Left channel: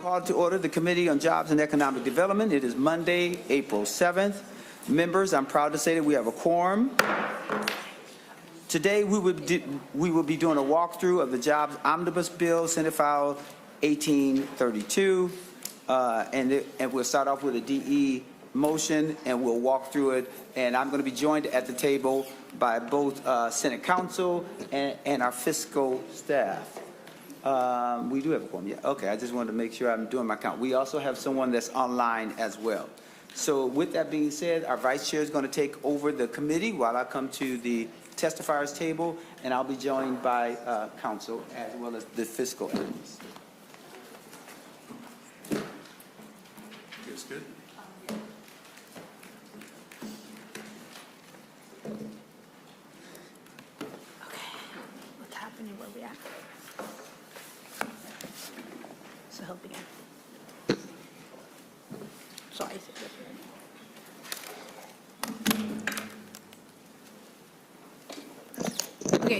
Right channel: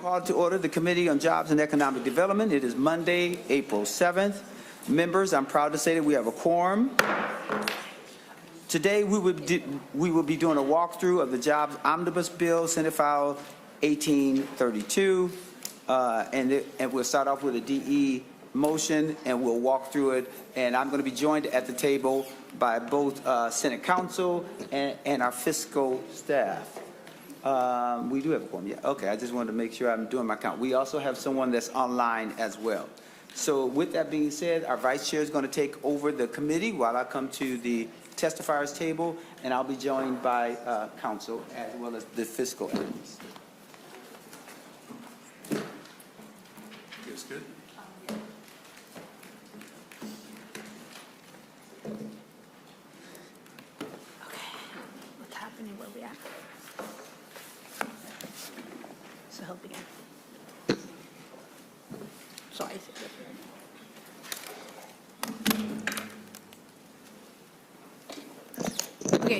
Call to order the Committee on Jobs and Economic Development. It is Monday, April 7th. Members, I'm proud to say that we have a quorum. Today, we will be doing a walkthrough of the Jobs Omnibus Bill, Senate File 1832, and we'll start off with a DE motion, and we'll walk through it. And I'm going to be joined at the table by both Senate Counsel and our fiscal staff. We do have a quorum, yeah. Okay, I just wanted to make sure I'm doing my count. We also have someone that's online as well. So with that being said, our vice chair is going to take over the committee while I come to the testifiers table, and I'll be joined by counsel as well as the fiscal analyst.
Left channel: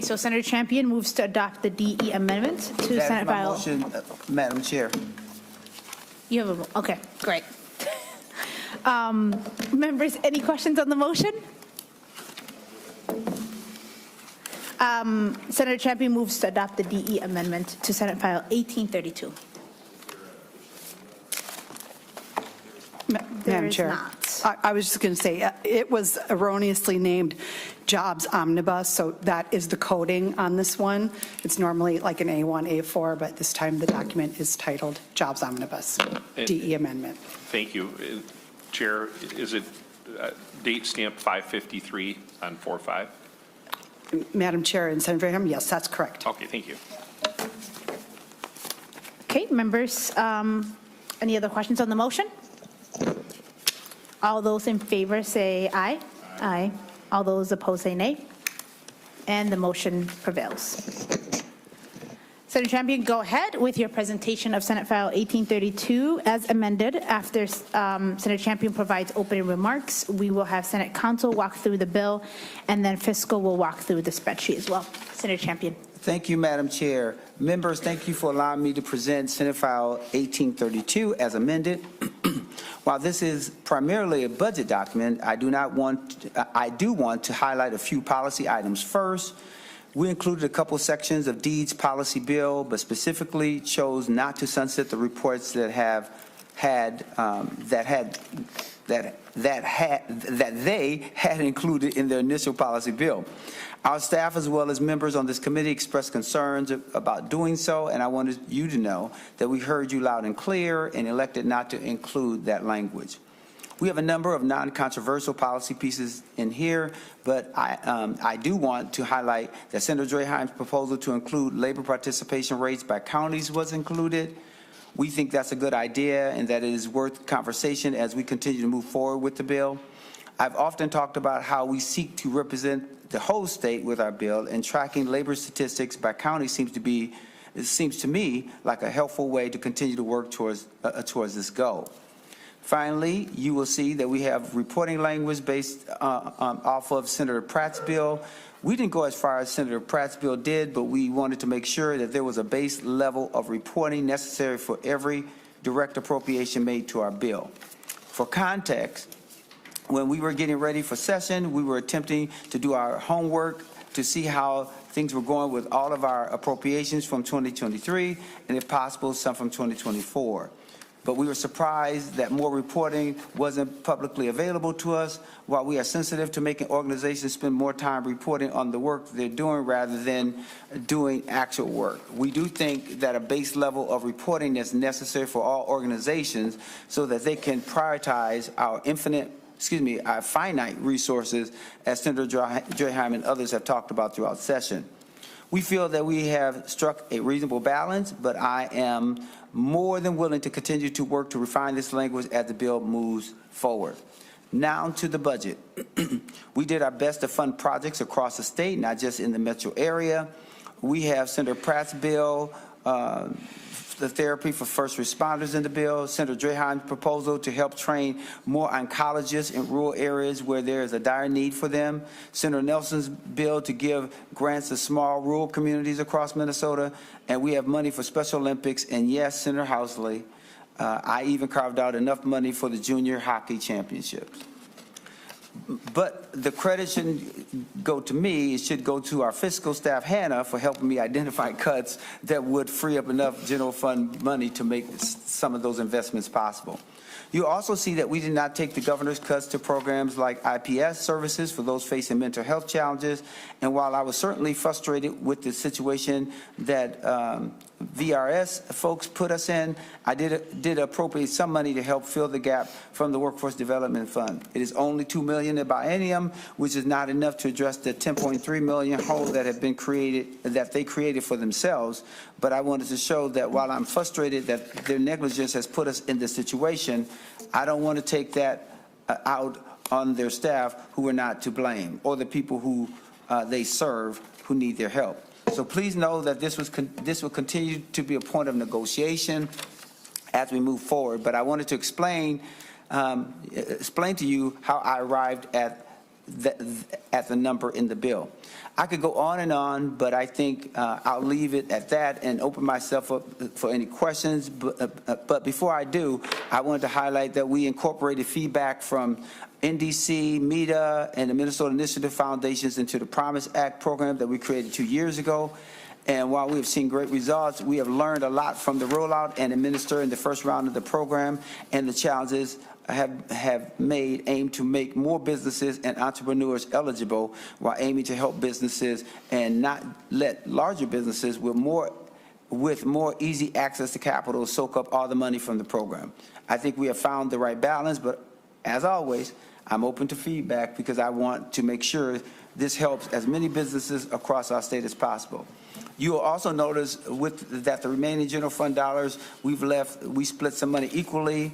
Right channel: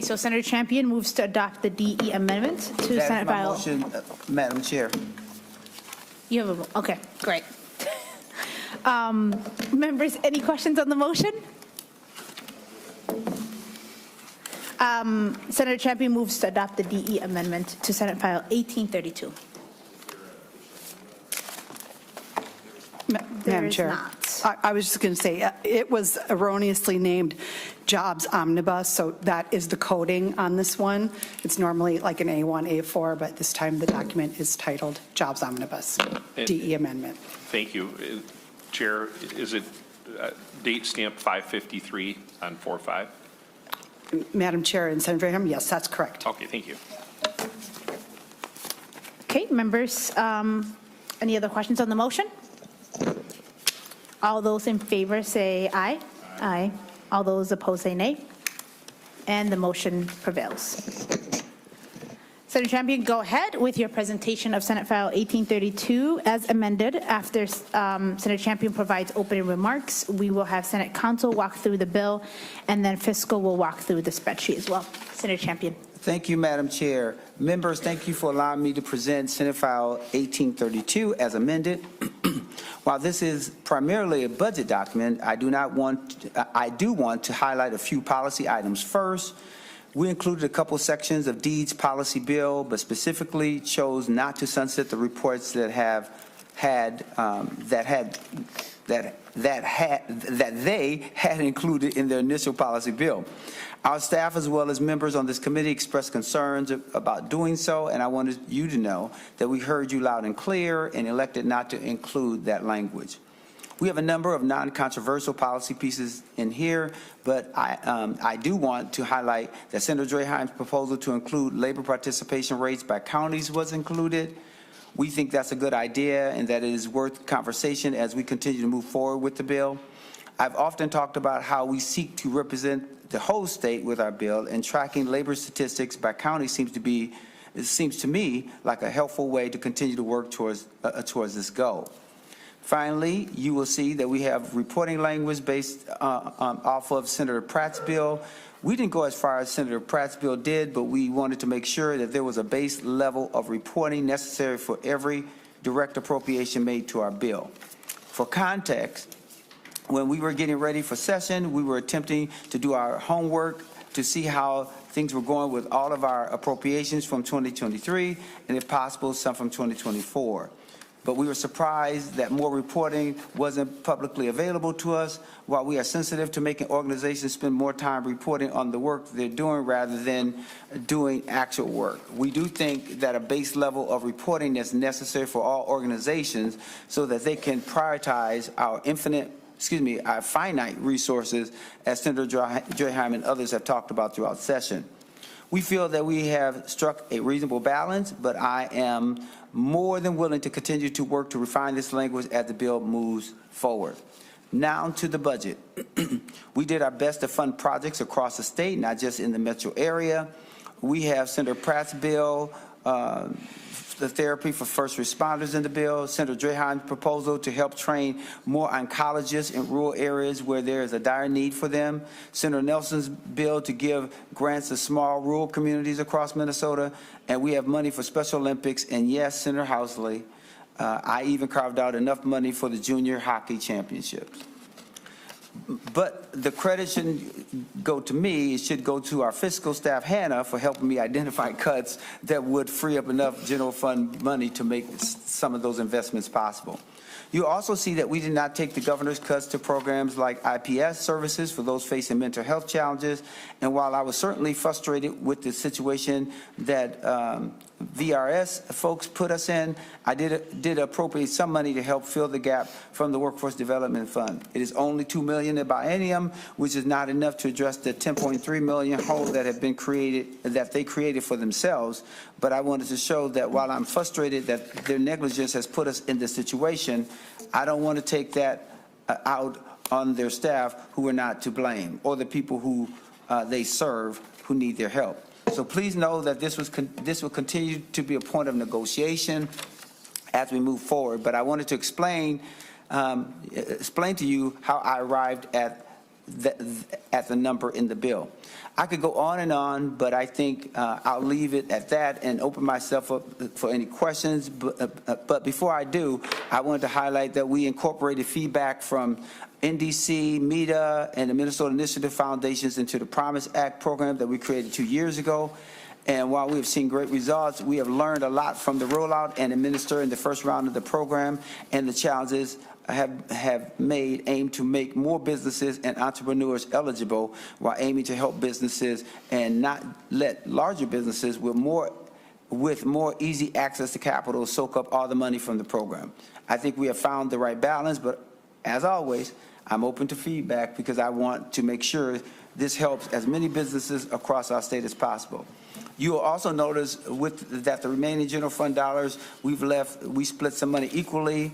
So Senator Champion moves to adopt the DE amendment to Senate File. Motion, Madam Chair. You have a, okay, great. Members, any questions on the motion? Senator Champion moves to adopt the DE amendment to Senate File 1832. Madam Chair, I was just going to say it was erroneously named Jobs Omnibus, so that is the coding on this one. It's normally like an A1, A4, but this time the document is titled Jobs Omnibus, DE Amendment. Thank you. Chair, is it date stamp 553 on 4/5? Madam Chair and Senator Graham, yes, that's correct. Okay, thank you. Okay, members, any other questions on the motion? All those in favor say aye. Aye. All those opposed say nay. And the motion prevails. Senator Champion, go ahead with your presentation of Senate File 1832 as amended. After Senator Champion provides opening remarks, we will have Senate Counsel walk through the bill, and then Fiscal will walk through the spreadsheet as well. Senator Champion. Thank you, Madam Chair. Members, thank you for allowing me to present Senate File 1832 as amended. While this is primarily a budget document, I do want to highlight a few policy items. First, we included a couple sections of Deeds policy bill, but specifically chose not to sunset the reports that they had included in the initial policy bill. Our staff, as well as members on this committee, expressed concerns about doing so, and I wanted you to know that we heard you loud and clear and elected not to include that language. We have a number of non-controversial policy pieces in here, but I do want to highlight that Senator Draheim's proposal to include labor participation rates by counties was included. We think that's a good idea and that it is worth conversation as we continue to move forward with the bill. I've often talked about how we seek to represent the whole state with our bill, and tracking labor statistics by county seems to me like a helpful way to continue to work towards this goal. Finally, you will see that we have reporting language based off of Senator Pratt's bill. We didn't go as far as Senator Pratt's bill did, but we wanted to make sure that there was a base level of reporting necessary for every direct appropriation made to our bill. For context, when we were getting ready for session, we were attempting to do our homework to see how things were going with all of our appropriations from 2023 and, if possible, some from 2024. But we were surprised that more reporting wasn't publicly available to us. While we are sensitive to making organizations spend more time reporting on the work they're doing rather than doing actual work, we do think that a base level of reporting is necessary for all organizations so that they can prioritize our finite resources, as Senator Draheim and others have talked about throughout session. We feel that we have struck a reasonable balance, but I am more than willing to continue to work to refine this language as the bill moves forward. Now to the budget. We did our best to fund projects across the state, not just in the metro area. We have Senator Pratt's bill the therapy for first responders in the bill, Senator Drahan's proposal to help train more oncologists in rural areas where there is a dire need for them, Senator Nelson's bill to give grants to small rural communities across Minnesota, and we have money for Special Olympics, and yes, Senator Housley, I even carved out enough money for the junior hockey championships. But the credit shouldn't go to me. It should go to our fiscal staff, Hannah, for helping me identify cuts that would free up enough general fund money to make some of those investments possible. You also see that we did not take the governor's cuts to programs like IPS services for those facing mental health challenges. And while I was certainly frustrated with the situation that VRS folks put us in, I did appropriate some money to help fill the gap from the Workforce Development Fund. It is only $2 million a biennium, which is not enough to address the $10.3 million hole that have been created, that they created for themselves. But I wanted to show that while I'm frustrated that their negligence has put us in this situation, I don't want to take that out on their staff who are not to blame, or the people who they serve who need their help. So please know that this will continue to be a point of negotiation as we move forward. But I wanted to explain to you how I arrived at the number in the bill. I could go on, but I think I'll leave it at that and open myself up for any questions. But before I do, I wanted to highlight that we incorporated feedback from NDC, MEDA, and the Minnesota Initiative Foundations into the Promise Act program that we created 2 years ago. And while we have seen great results, we have learned a lot from the rollout and administering the first round of the program, and the challenges have aimed to make more businesses and entrepreneurs eligible, while aiming to help businesses and not let larger businesses with more easy access to capital soak up all the money from the program. I think we have found the right balance, but as always, I'm open to feedback because I want to make sure this helps as many businesses across our state as possible. You will also notice that the remaining general fund dollars we split some money equally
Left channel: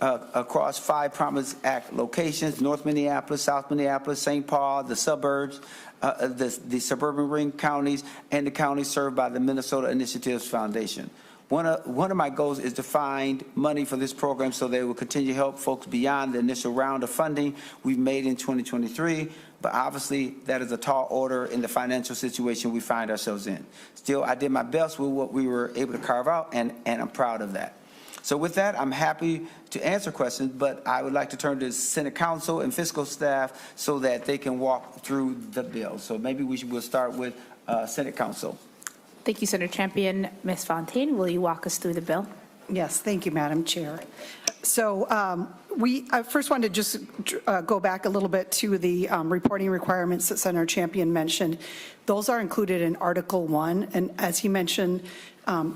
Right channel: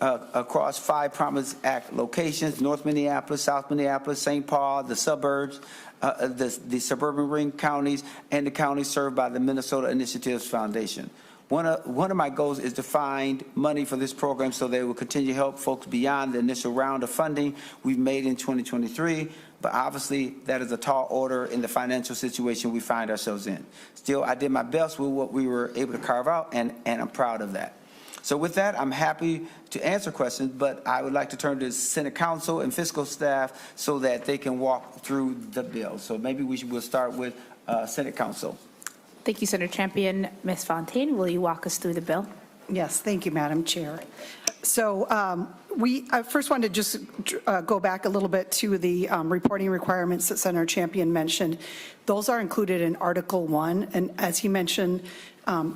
across 5 Promise Act locations: North Minneapolis, South Minneapolis, St. Paul, the suburbs, the suburban ring counties, and the counties served by the Minnesota Initiatives Foundation. One of my goals is to find money for this program so they will continue to help folks beyond the initial round of funding we've made in 2023. But obviously, that is a tall order in the financial situation we find ourselves in. Still, I did my best with what we were able to carve out, and I'm proud of that. So with that, I'm happy to answer questions, but I would like to turn to Senate Council and fiscal staff so that they can walk through the bill. So maybe will start with Senate Council. Thank you, Senator Champion. Ms. Fontaine, will you walk us through the bill? Yes, thank you, Madam Chair. So I first want to just go back a little bit to the reporting requirements that Senator Champion mentioned. Those are included in Article 1, and as he mentioned,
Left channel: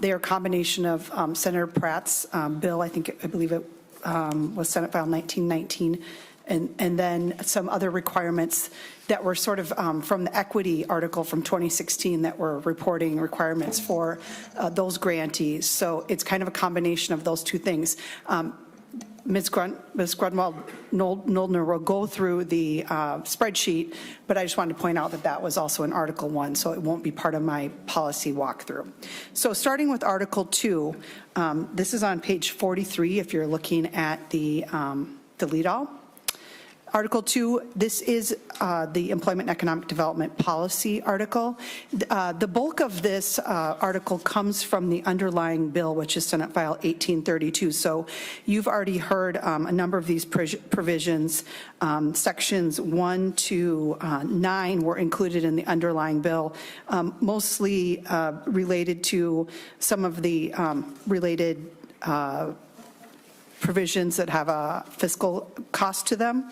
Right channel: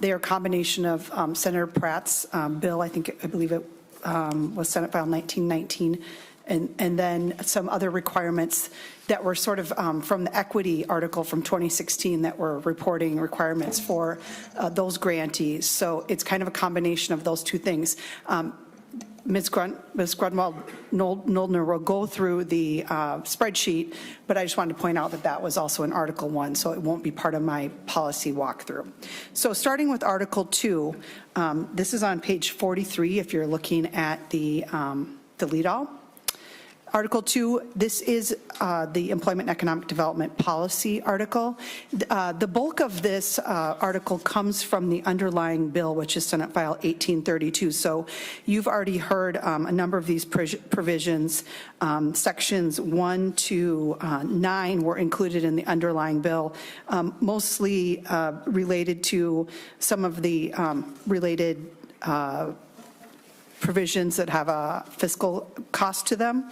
they are a combination of Senator Pratt's bill, I believe it was Senate File 1919, and then some other requirements that were sort of from the equity article from 2016 that were reporting requirements for those grantees. So it's kind of a combination of those two things. Ms. Grunwald-Noldner will go through the spreadsheet, but I just wanted to point out that that was also in Article 1, so it won't be part of my policy walkthrough. So starting with Article 2, this is on page 43 if you're looking at the lead-all. Article 2, this is the Employment and Economic Development Policy article. The bulk of this article comes from the underlying bill, which is Senate File 1832. So you've already heard a number of these provisions. Sections 1 to 9 were included in the underlying bill, mostly related to some of the related provisions that have a fiscal cost to them.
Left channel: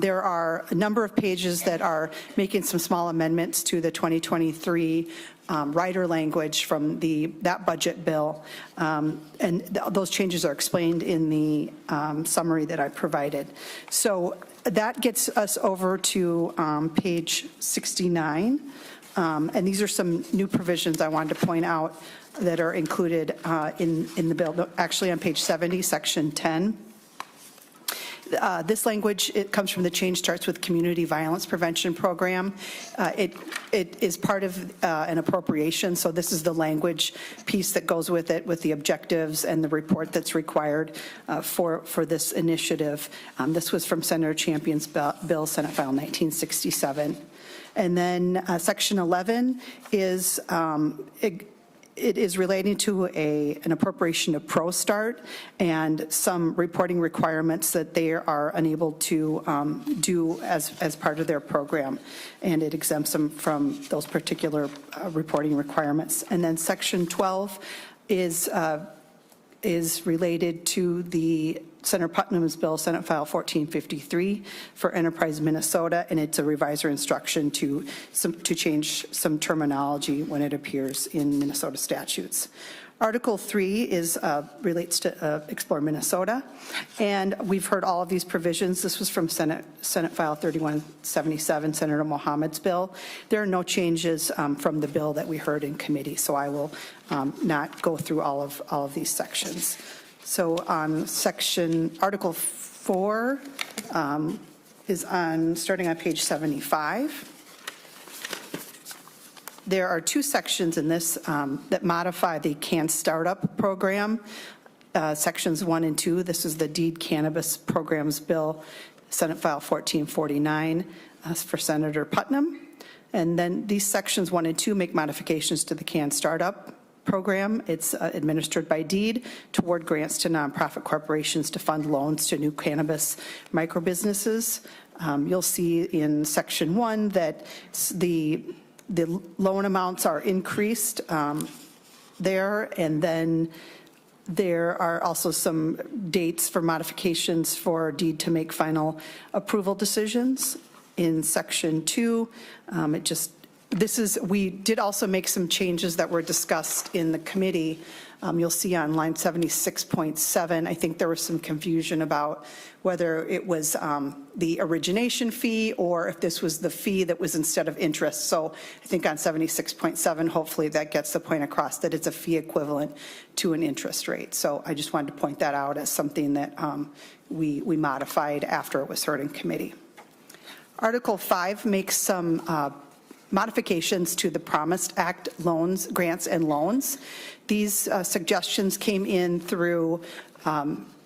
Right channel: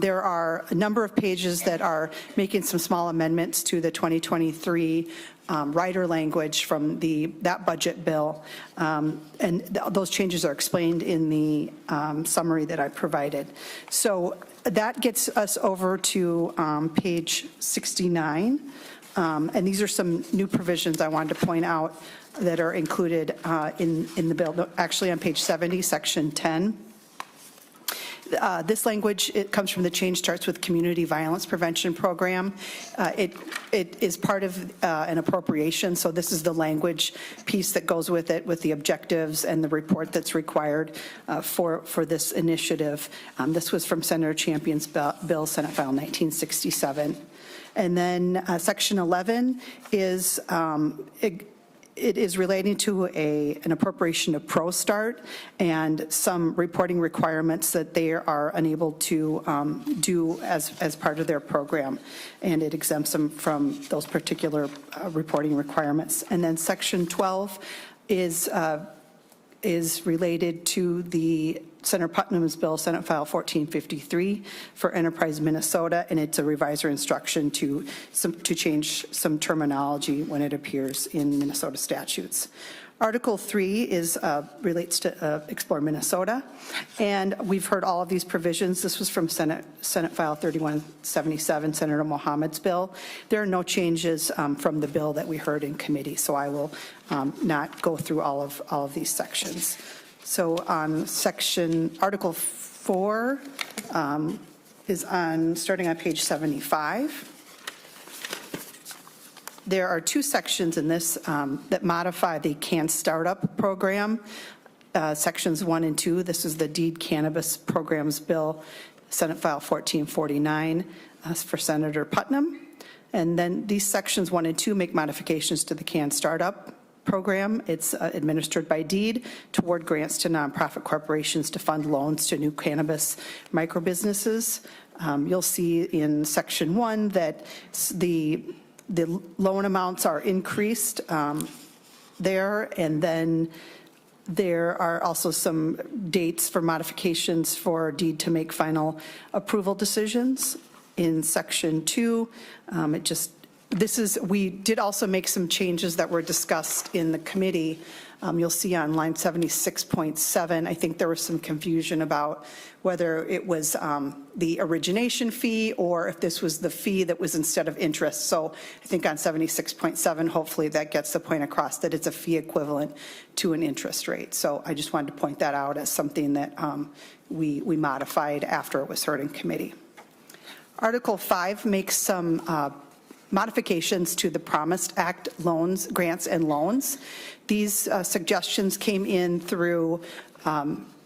There are a number of pages that are making some small amendments to the 2023 rider language from that budget bill, and those changes are explained in the summary that I provided. So that gets us over to page 69, and these are some new provisions I wanted to point out that are included in the bill, actually on page 70, section 10. This language, it comes from the Change Starts with Community Violence Prevention Program. It is part of an appropriation, so this is the language piece that goes with it, with the objectives and the report that's required for this initiative. This was from Senator Champion's bill, Senate File 1967. And then Section 11 is it is relating to an appropriation of ProStart and some reporting requirements that they are unable to do as part of their program, and it exempts them from those particular reporting requirements. And then Section 12 is related to the Senator Putnam's bill, Senate File 1453, for Enterprise Minnesota, and it's a revisor instruction to change some terminology when it appears in Minnesota statutes. Article 3 relates to Explore Minnesota, and we've heard all of these provisions. This was from Senate File 3177, Senator Mohammed's bill. There are no changes from the bill that we heard in committee, so I will not go through all of these sections. So on Article 4 is starting on page 75. There are two sections in this that modify the Can Startup program, sections 1 and 2. This is the Deed Cannabis Programs Bill, Senate File 1449 for Senator Putnam. And then these sections 1 and 2 make modifications to the Can Startup program. It's administered by deed to award grants to nonprofit corporations to fund loans to new cannabis microbusinesses. You'll see in Section 1 that the loan amounts are increased there, and then there are also some dates for modifications for deed to make final approval decisions. In Section 2, we did also make some changes that were discussed in the committee. You'll see on line 76.7, I think there was some confusion about whether it was the origination fee or if this was the fee that was instead of interest. So I think on 76.7, hopefully that gets the point across that it's a fee equivalent to an interest rate. So I just wanted to point that out as something that we modified after it was heard in committee. Article 5 makes some modifications to the Promised Act loans, grants, and loans. These suggestions came in through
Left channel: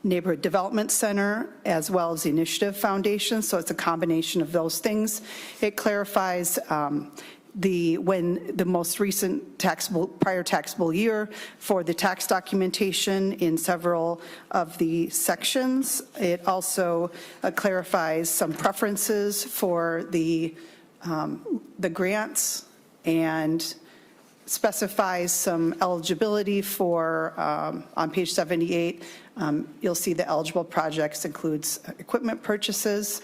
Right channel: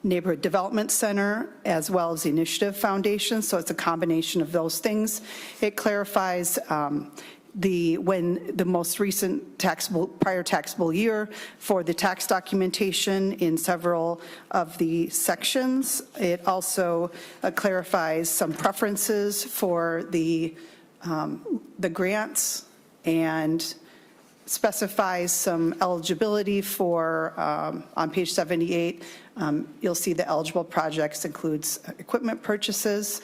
Neighborhood Development Center as well as the Initiative Foundation, so it's a combination of those things. It clarifies when the most recent prior taxable year for the tax documentation in several of the sections. It also clarifies some preferences for the grants and specifies some eligibility for, on page 78, you'll see the eligible projects includes equipment purchases,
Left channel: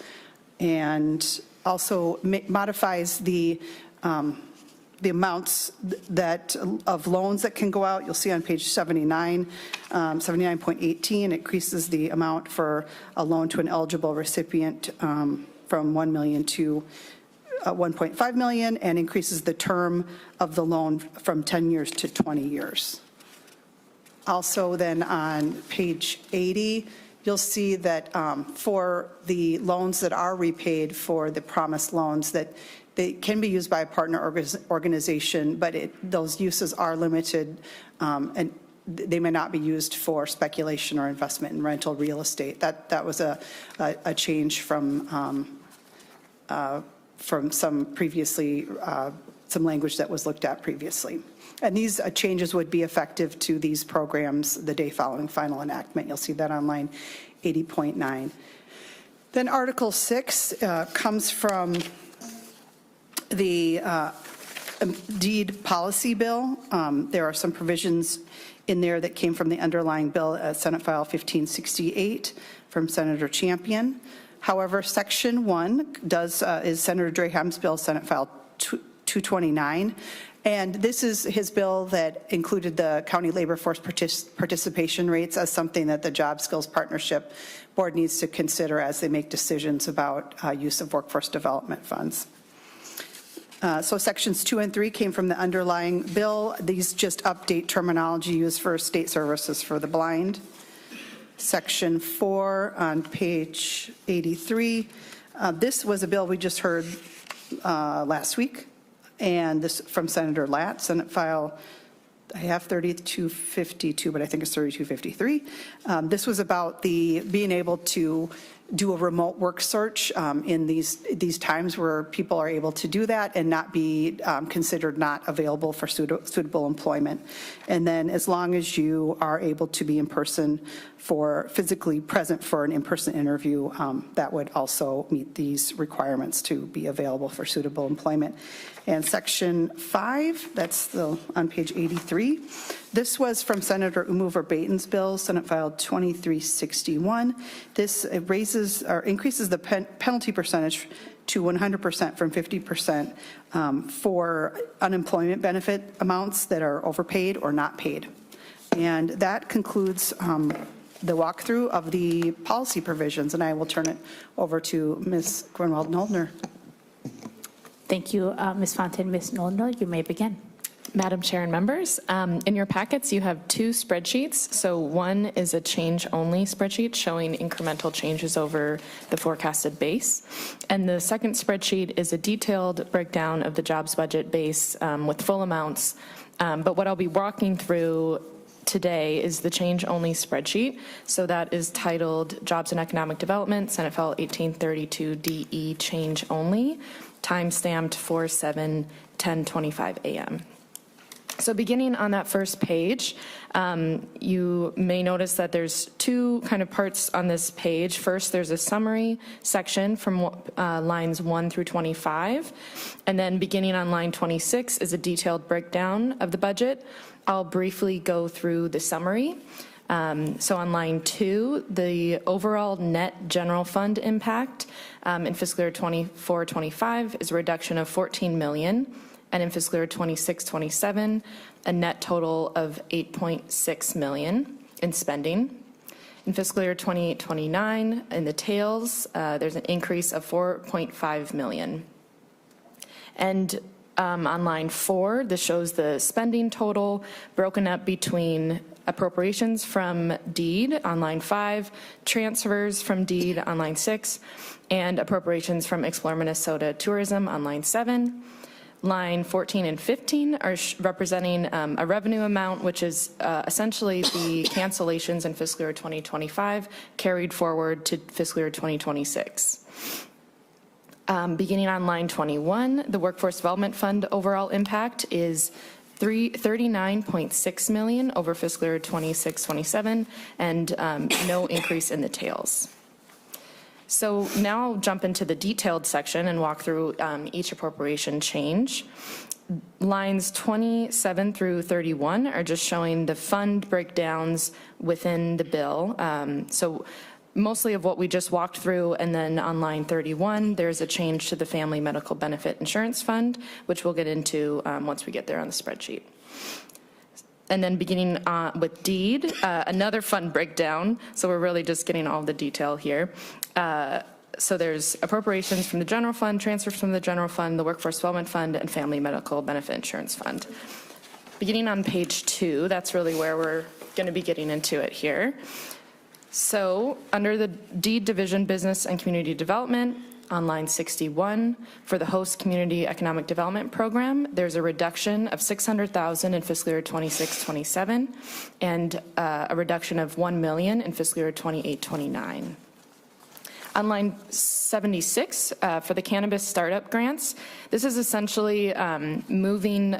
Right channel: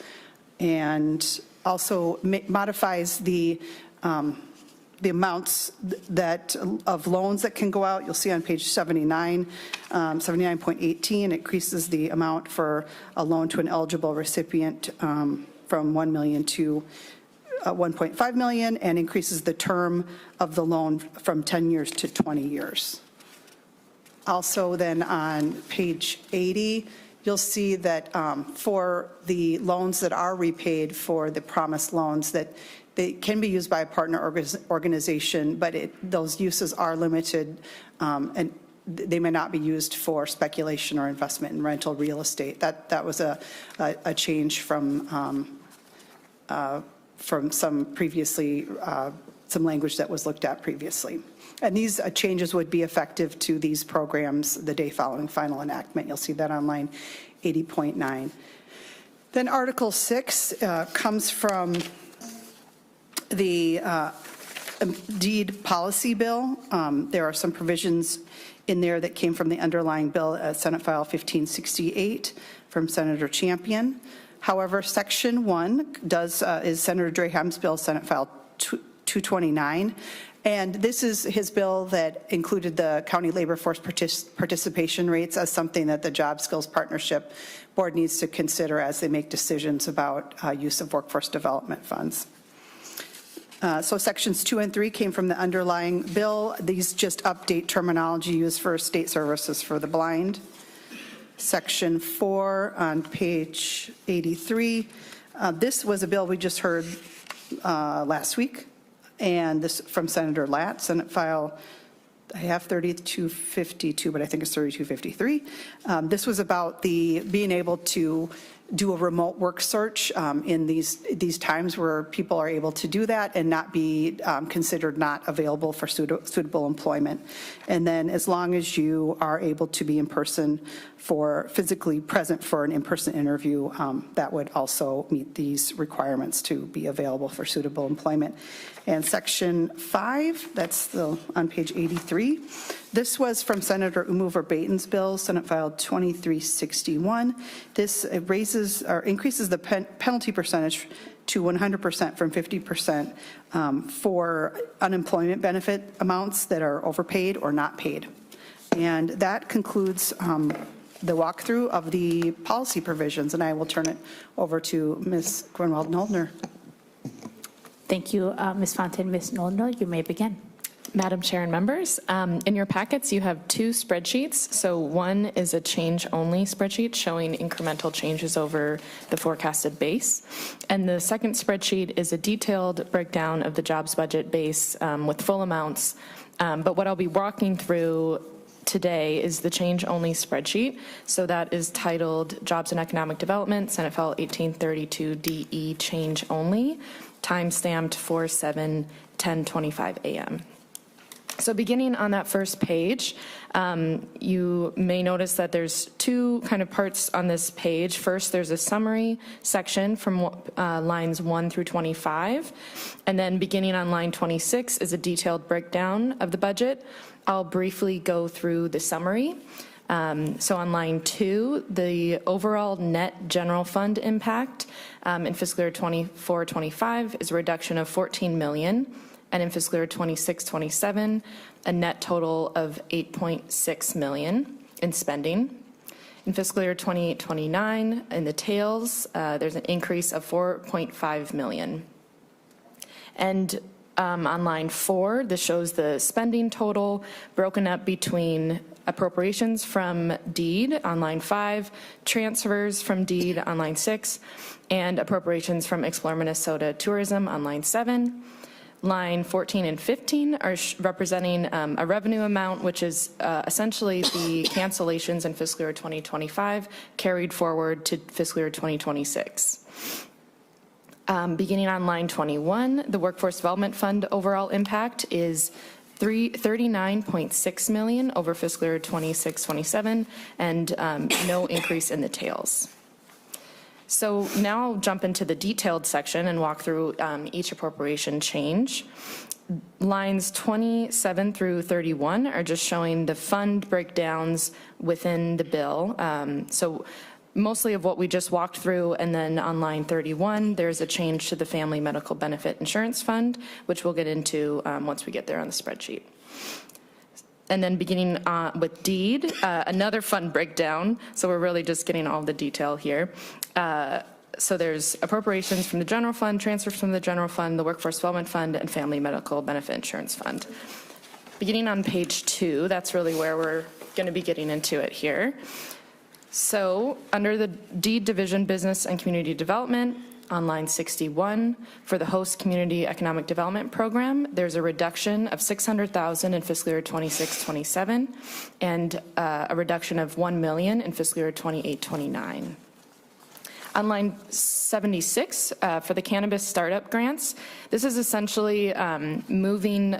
and also modifies the amounts of loans that can go out. You'll see on page 79, 79.18, it increases the amount for a loan to an eligible recipient from $1 million to $1.5 million, and increases the term of the loan from 10 years to 20 years. Also then on page 80, you'll see that for the loans that are repaid for the promised loans, that they can be used by a partner organization, but those uses are limited, and they may not be used for speculation or investment in rental real estate. That was a change from some previously, some language that was looked at previously. And these changes would be effective to these programs the day following final enactment. You'll see that on line 80.9. Then Article 6 comes from the deed policy bill. There are some provisions in there that came from the underlying bill, Senate File 1568 from Senator Champion. However, Section 1 is Senator Draham's bill, Senate File 229, and this is his bill that included the county labor force participation rates as something that the Job Skills Partnership Board needs to consider as they make decisions about use of workforce development funds. So sections 2 and 3 came from the underlying bill. These just update terminology used for state services for the blind. Section 4 on page 83. This was a bill we just heard last week, and this from Senator Latt, Senate File, I have 3252, but I think it's 3253. This was about the being able to do a remote work search in these times where people are able to do that and not be considered not available for suitable employment. And then as long as you are able to be in person for physically present for an in-person interview, that would also meet these requirements to be available for suitable employment. And section 5, that's on page 83. This was from Senator Umu Verbaten's bill, Senate File 2361. This raises or increases the penalty percentage to 100% from 50% for unemployment benefit amounts that are overpaid or not paid. And that concludes the walkthrough of the policy provisions, and I will turn it over to Ms. Grunwald-Noldner. Thank you, Ms. Fontaine. Ms. Noldner, you may begin. Madam Chair and members, in your packets you have two spreadsheets. So one is a change-only spreadsheet showing incremental changes over the forecasted base. And the second spreadsheet is a detailed breakdown of the jobs budget base with full amounts. But what I'll be walking through today is the change-only spreadsheet. So that is titled Jobs and Economic Development, Senate File 1832 DE Change Only, time-stamped 4/7/10:25 a.m. So beginning on that first page, you may notice that there's two kind of parts on this page. First, there's a summary section from lines 1 through 25. And then beginning on line 26 is a detailed breakdown of the budget. I'll briefly go through the summary. So on line 2, the overall net general fund impact in fiscal year 24-25 is a reduction of $14 million. And in fiscal year 26-27, a net total of $8.6 million in spending. In fiscal year 28-29, in the tails, there's an increase of $4.5 million. And on line 4, this shows the spending total broken up between appropriations from deed on line 5, transfers from deed on line 6, and appropriations from Explore Minnesota Tourism on line 7. Line 14 and 15 are representing a revenue amount, which is essentially the cancellations in fiscal year 2025 carried forward to fiscal year 2026. Beginning on line 21, the Workforce Development Fund overall impact is $39.6 million over fiscal year 26-27, and no increase in the tails. So now I'll jump into the detailed section and walk through each appropriation change. Lines 27 through 31 are just showing the fund breakdowns within the bill. So mostly of what we just walked through, and then on line 31, there's a change to the Family Medical Benefit Insurance Fund, which we'll get into once we get there on the spreadsheet. And then beginning with deed, another fund breakdown. So we're really just getting all the detail here. So there's appropriations from the general fund, transfers from the general fund, the Workforce Development Fund, and Family Medical Benefit Insurance Fund. Beginning on page 2, that's really where we're going to be getting into it here. So under the deed division, business and community development, on line 61, for the host community economic development program, there's a reduction of $600,000 in fiscal year 26-27, and a reduction of $1 million in fiscal year 28-29. On line 76, for the cannabis startup grants, this is essentially moving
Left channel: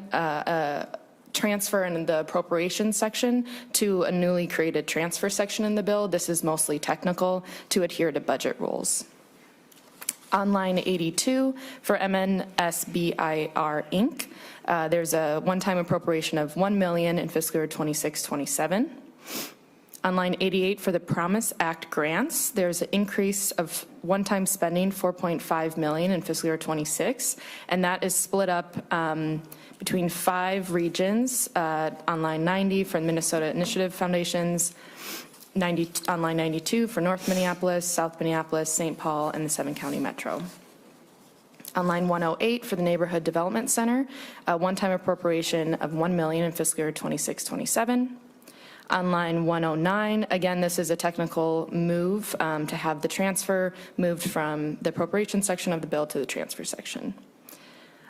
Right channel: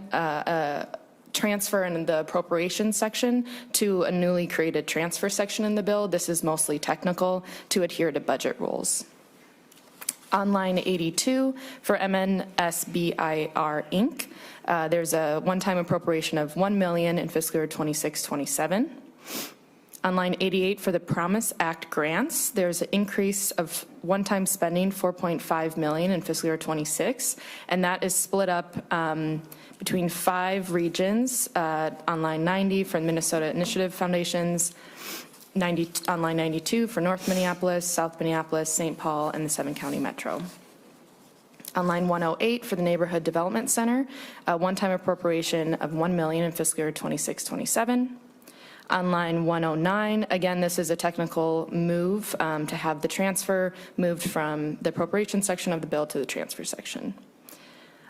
transfer in the appropriation section to a newly created transfer section in the bill. This is mostly technical to adhere to budget rules. On line 82, for MNSBIR Inc., there's a one-time appropriation of $1 million in fiscal year 26-27. On line 88, for the Promise Act grants, there's an increase of one-time spending, $4.5 million in fiscal year 26, and that is split up between 5 regions. On line 90 for Minnesota Initiative Foundations, on line 92 for North Minneapolis, South Minneapolis, St. Paul, and the 7-county metro. On line 108 for the Neighborhood Development Center, a one-time appropriation of $1 million in fiscal year 26-27. On line 109, again, this is a technical move to have the transfer moved from the appropriation section of the bill to the transfer section.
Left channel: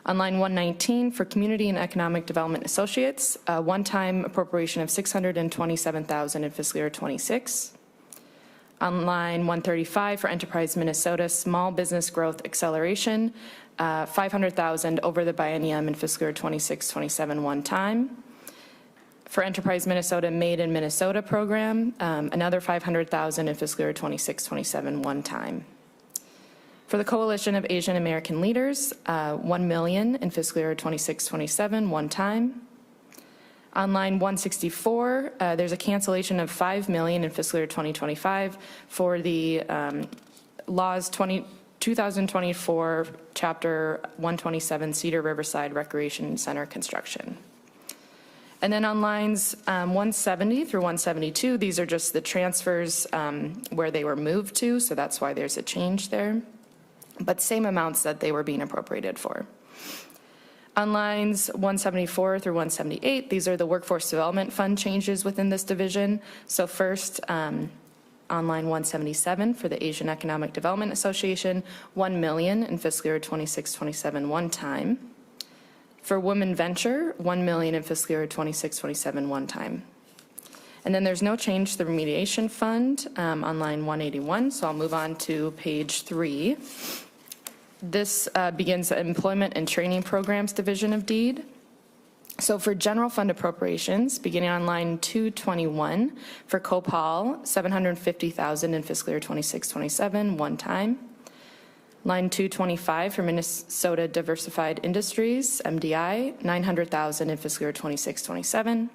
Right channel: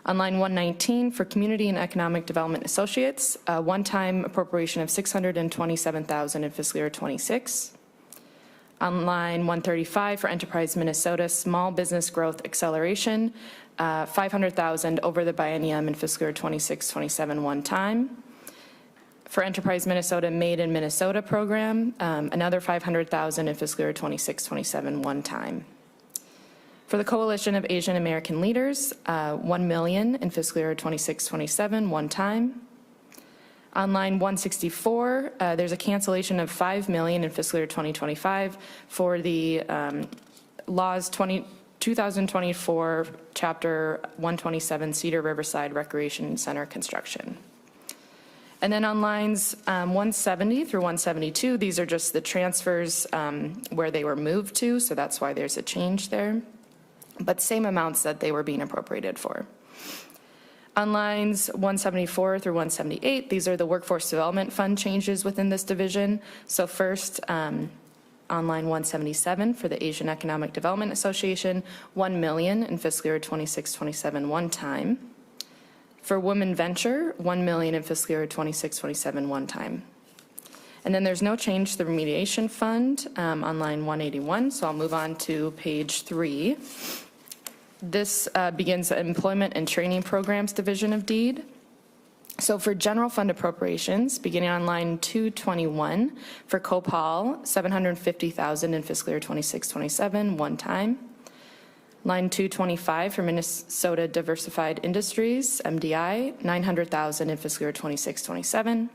On line 119, for Community and Economic Development Associates, a one-time appropriation of $627,000 in fiscal year 26. On line 135, for Enterprise Minnesota, Small Business Growth Acceleration, $500,000 over the biennium in fiscal year 26-27 one time. For Enterprise Minnesota Made in Minnesota program, another $500,000 in fiscal year 26-27 one time. For the Coalition of Asian American Leaders, $1 million in fiscal year 26-27 one time. On line 164, there's a cancellation of $5 million in fiscal year 2025 for the laws 2024 chapter 127 Cedar Riverside Recreation Center construction. And then on lines 170 through 172, these are just the transfers where they were moved to, so that's why there's a change there, but same amounts that they were being appropriated for. On lines 174 through 178, these are the Workforce Development Fund changes within this division. So first, on line 177 for the Asian Economic Development Association, $1 million in fiscal year 26-27 one time. For Women Venture, $1 million in fiscal year 26-27 one time. And then there's no change to the remediation fund on line 181, so I'll move on to page 3. This begins the Employment and Training Programs Division of DEED. So for general fund appropriations, beginning on line 221, for COPAL, $750,000 in fiscal year 26-27 one time. Line 225 for Minnesota Diversified Industries, MDI, $900,000 in fiscal year 26-27.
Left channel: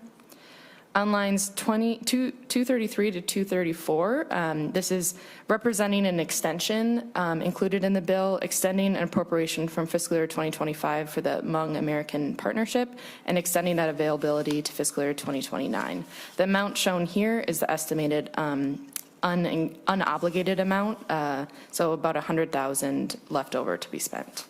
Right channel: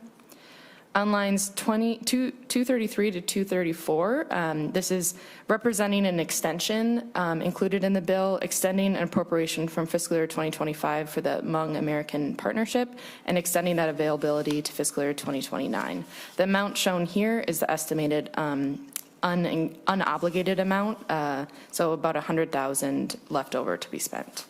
On lines 233 to 234, this is representing an extension included in the bill, extending an appropriation from fiscal year 2025 for the Hmong American Partnership and extending that availability to fiscal year 2029. The amount shown here is the estimated unobligated amount, so about $100,000 left over to be spent.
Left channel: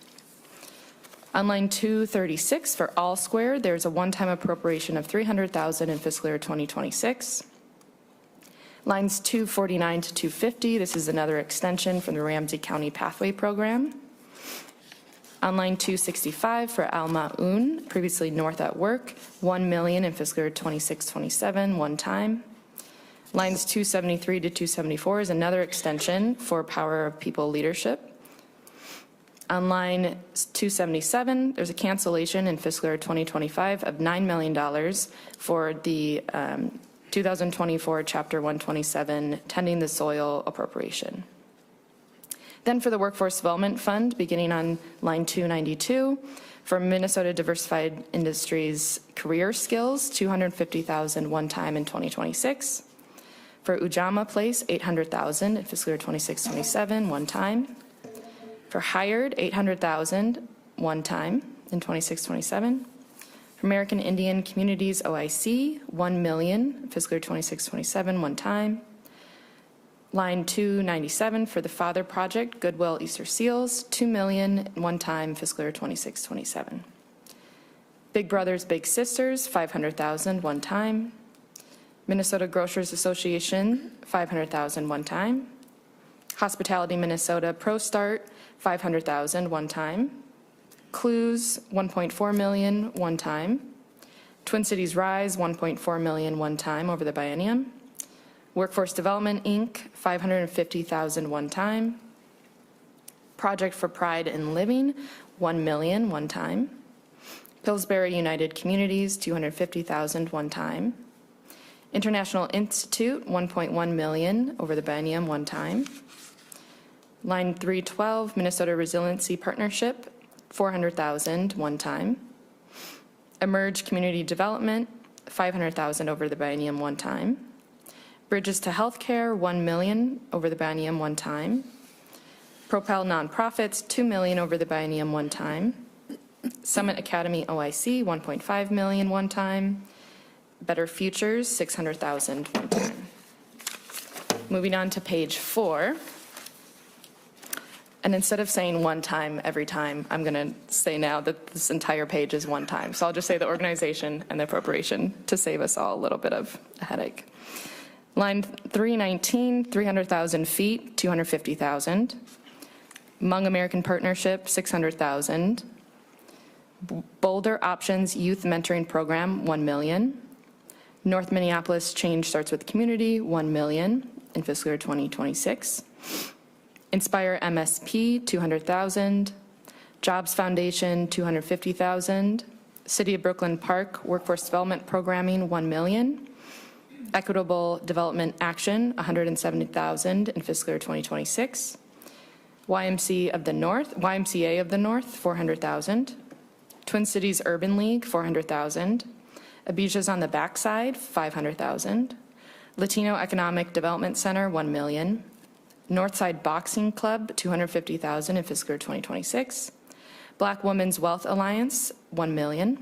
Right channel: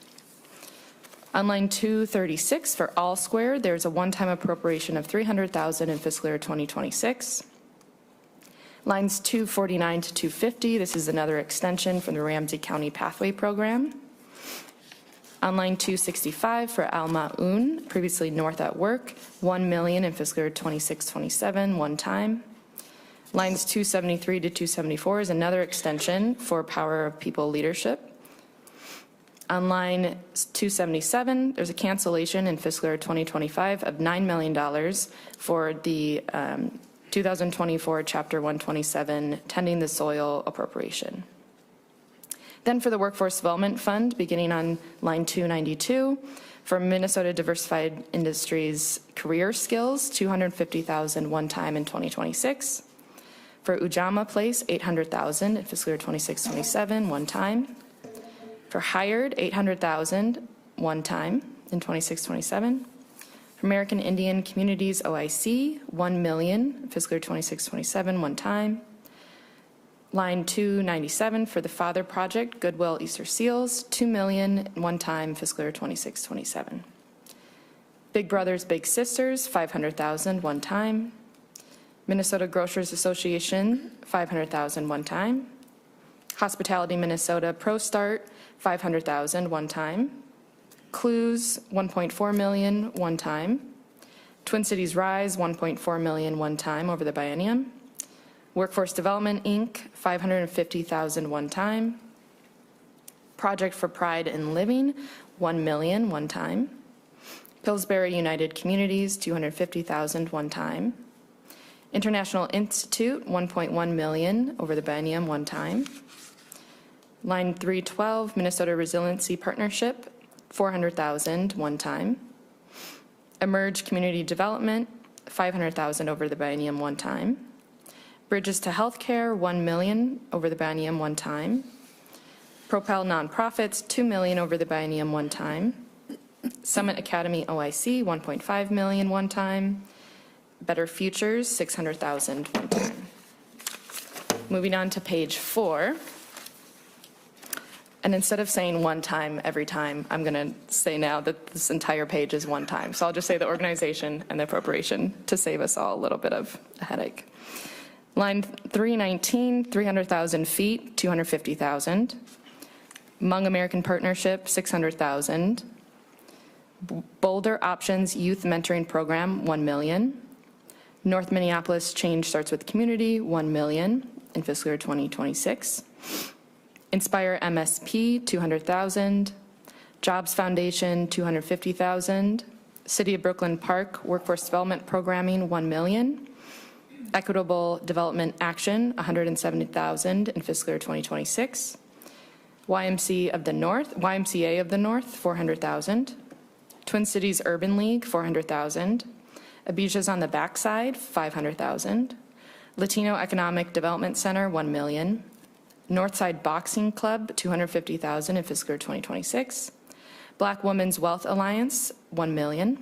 On line 236 for All Square, there's a one-time appropriation of $300,000 in fiscal year 2026. Lines 249 to 250, this is another extension from the Ramsey County Pathway Program. On line 265 for Al Ma'un, previously North at Work, $1 million in fiscal year 26-27, one time. Lines 273 to 274 is another extension for Power of People Leadership. On line 277, there's a cancellation in fiscal year 2025 of $9 million for the 2024 Chapter 127 Tending the Soil appropriation. Then for the Workforce Development Fund, beginning on line 292, for Minnesota Diversified Industries Career Skills, $250,000 one time in 2026. For Ujamaa Place, $800,000 in fiscal year 26-27, one time. For Hired, $800,000 one time in 26-27. For American Indian Communities OIC, $1 million fiscal year 26-27, one time. Line 297 for the Father Project, Goodwill Easter Seals, $2 million one time fiscal year 26-27. Big Brothers Big Sisters, $500,000 one time. Minnesota Grocers Association, $500,000 one time. Hospitality Minnesota Pro Start, $500,000 one time. Clues, $1.4 million one time. Twin Cities Rise, $1.4 million one time over the biennium. Workforce Development Inc., $550,000 one time. Project for Pride in Living, $1 million one time. Pillsbury United Communities, $250,000 one time. International Institute, $1.1 million over the biennium one time. Line 312, Minnesota Resiliency Partnership, $400,000 one time. Emerge Community Development, $500,000 over the biennium one time. Bridges to Healthcare, $1 million over the biennium one time. Propel Nonprofits, $2 million over the biennium one time. Summit Academy OIC, $1.5 million one time. Better Futures, $600,000 one time. Moving on to page 4. And instead of saying one time every time, I'm going to say now that this entire page is one time. So I'll just say the organization and the appropriation to save us all a little bit of a headache. Line 319, 300,000 feet, 250,000. Hmong American Partnership, 600,000. Boulder Options Youth Mentoring Program, 1 million. North Minneapolis Change Starts with Community, 1 million in fiscal year 2026. Inspire MSP, 200,000. Jobs Foundation, 250,000. City of Brooklyn Park Workforce Development Programming, 1 million. Equitable Development Action, 170,000 in fiscal year 2026. YMCA of the North, 400,000. Twin Cities Urban League, 400,000. Abijah's on the Backside, 500,000. Latino Economic Development Center, 1 million. Northside Boxing Club, 250,000 in fiscal year 2026. Black Women's Wealth Alliance, 1 million.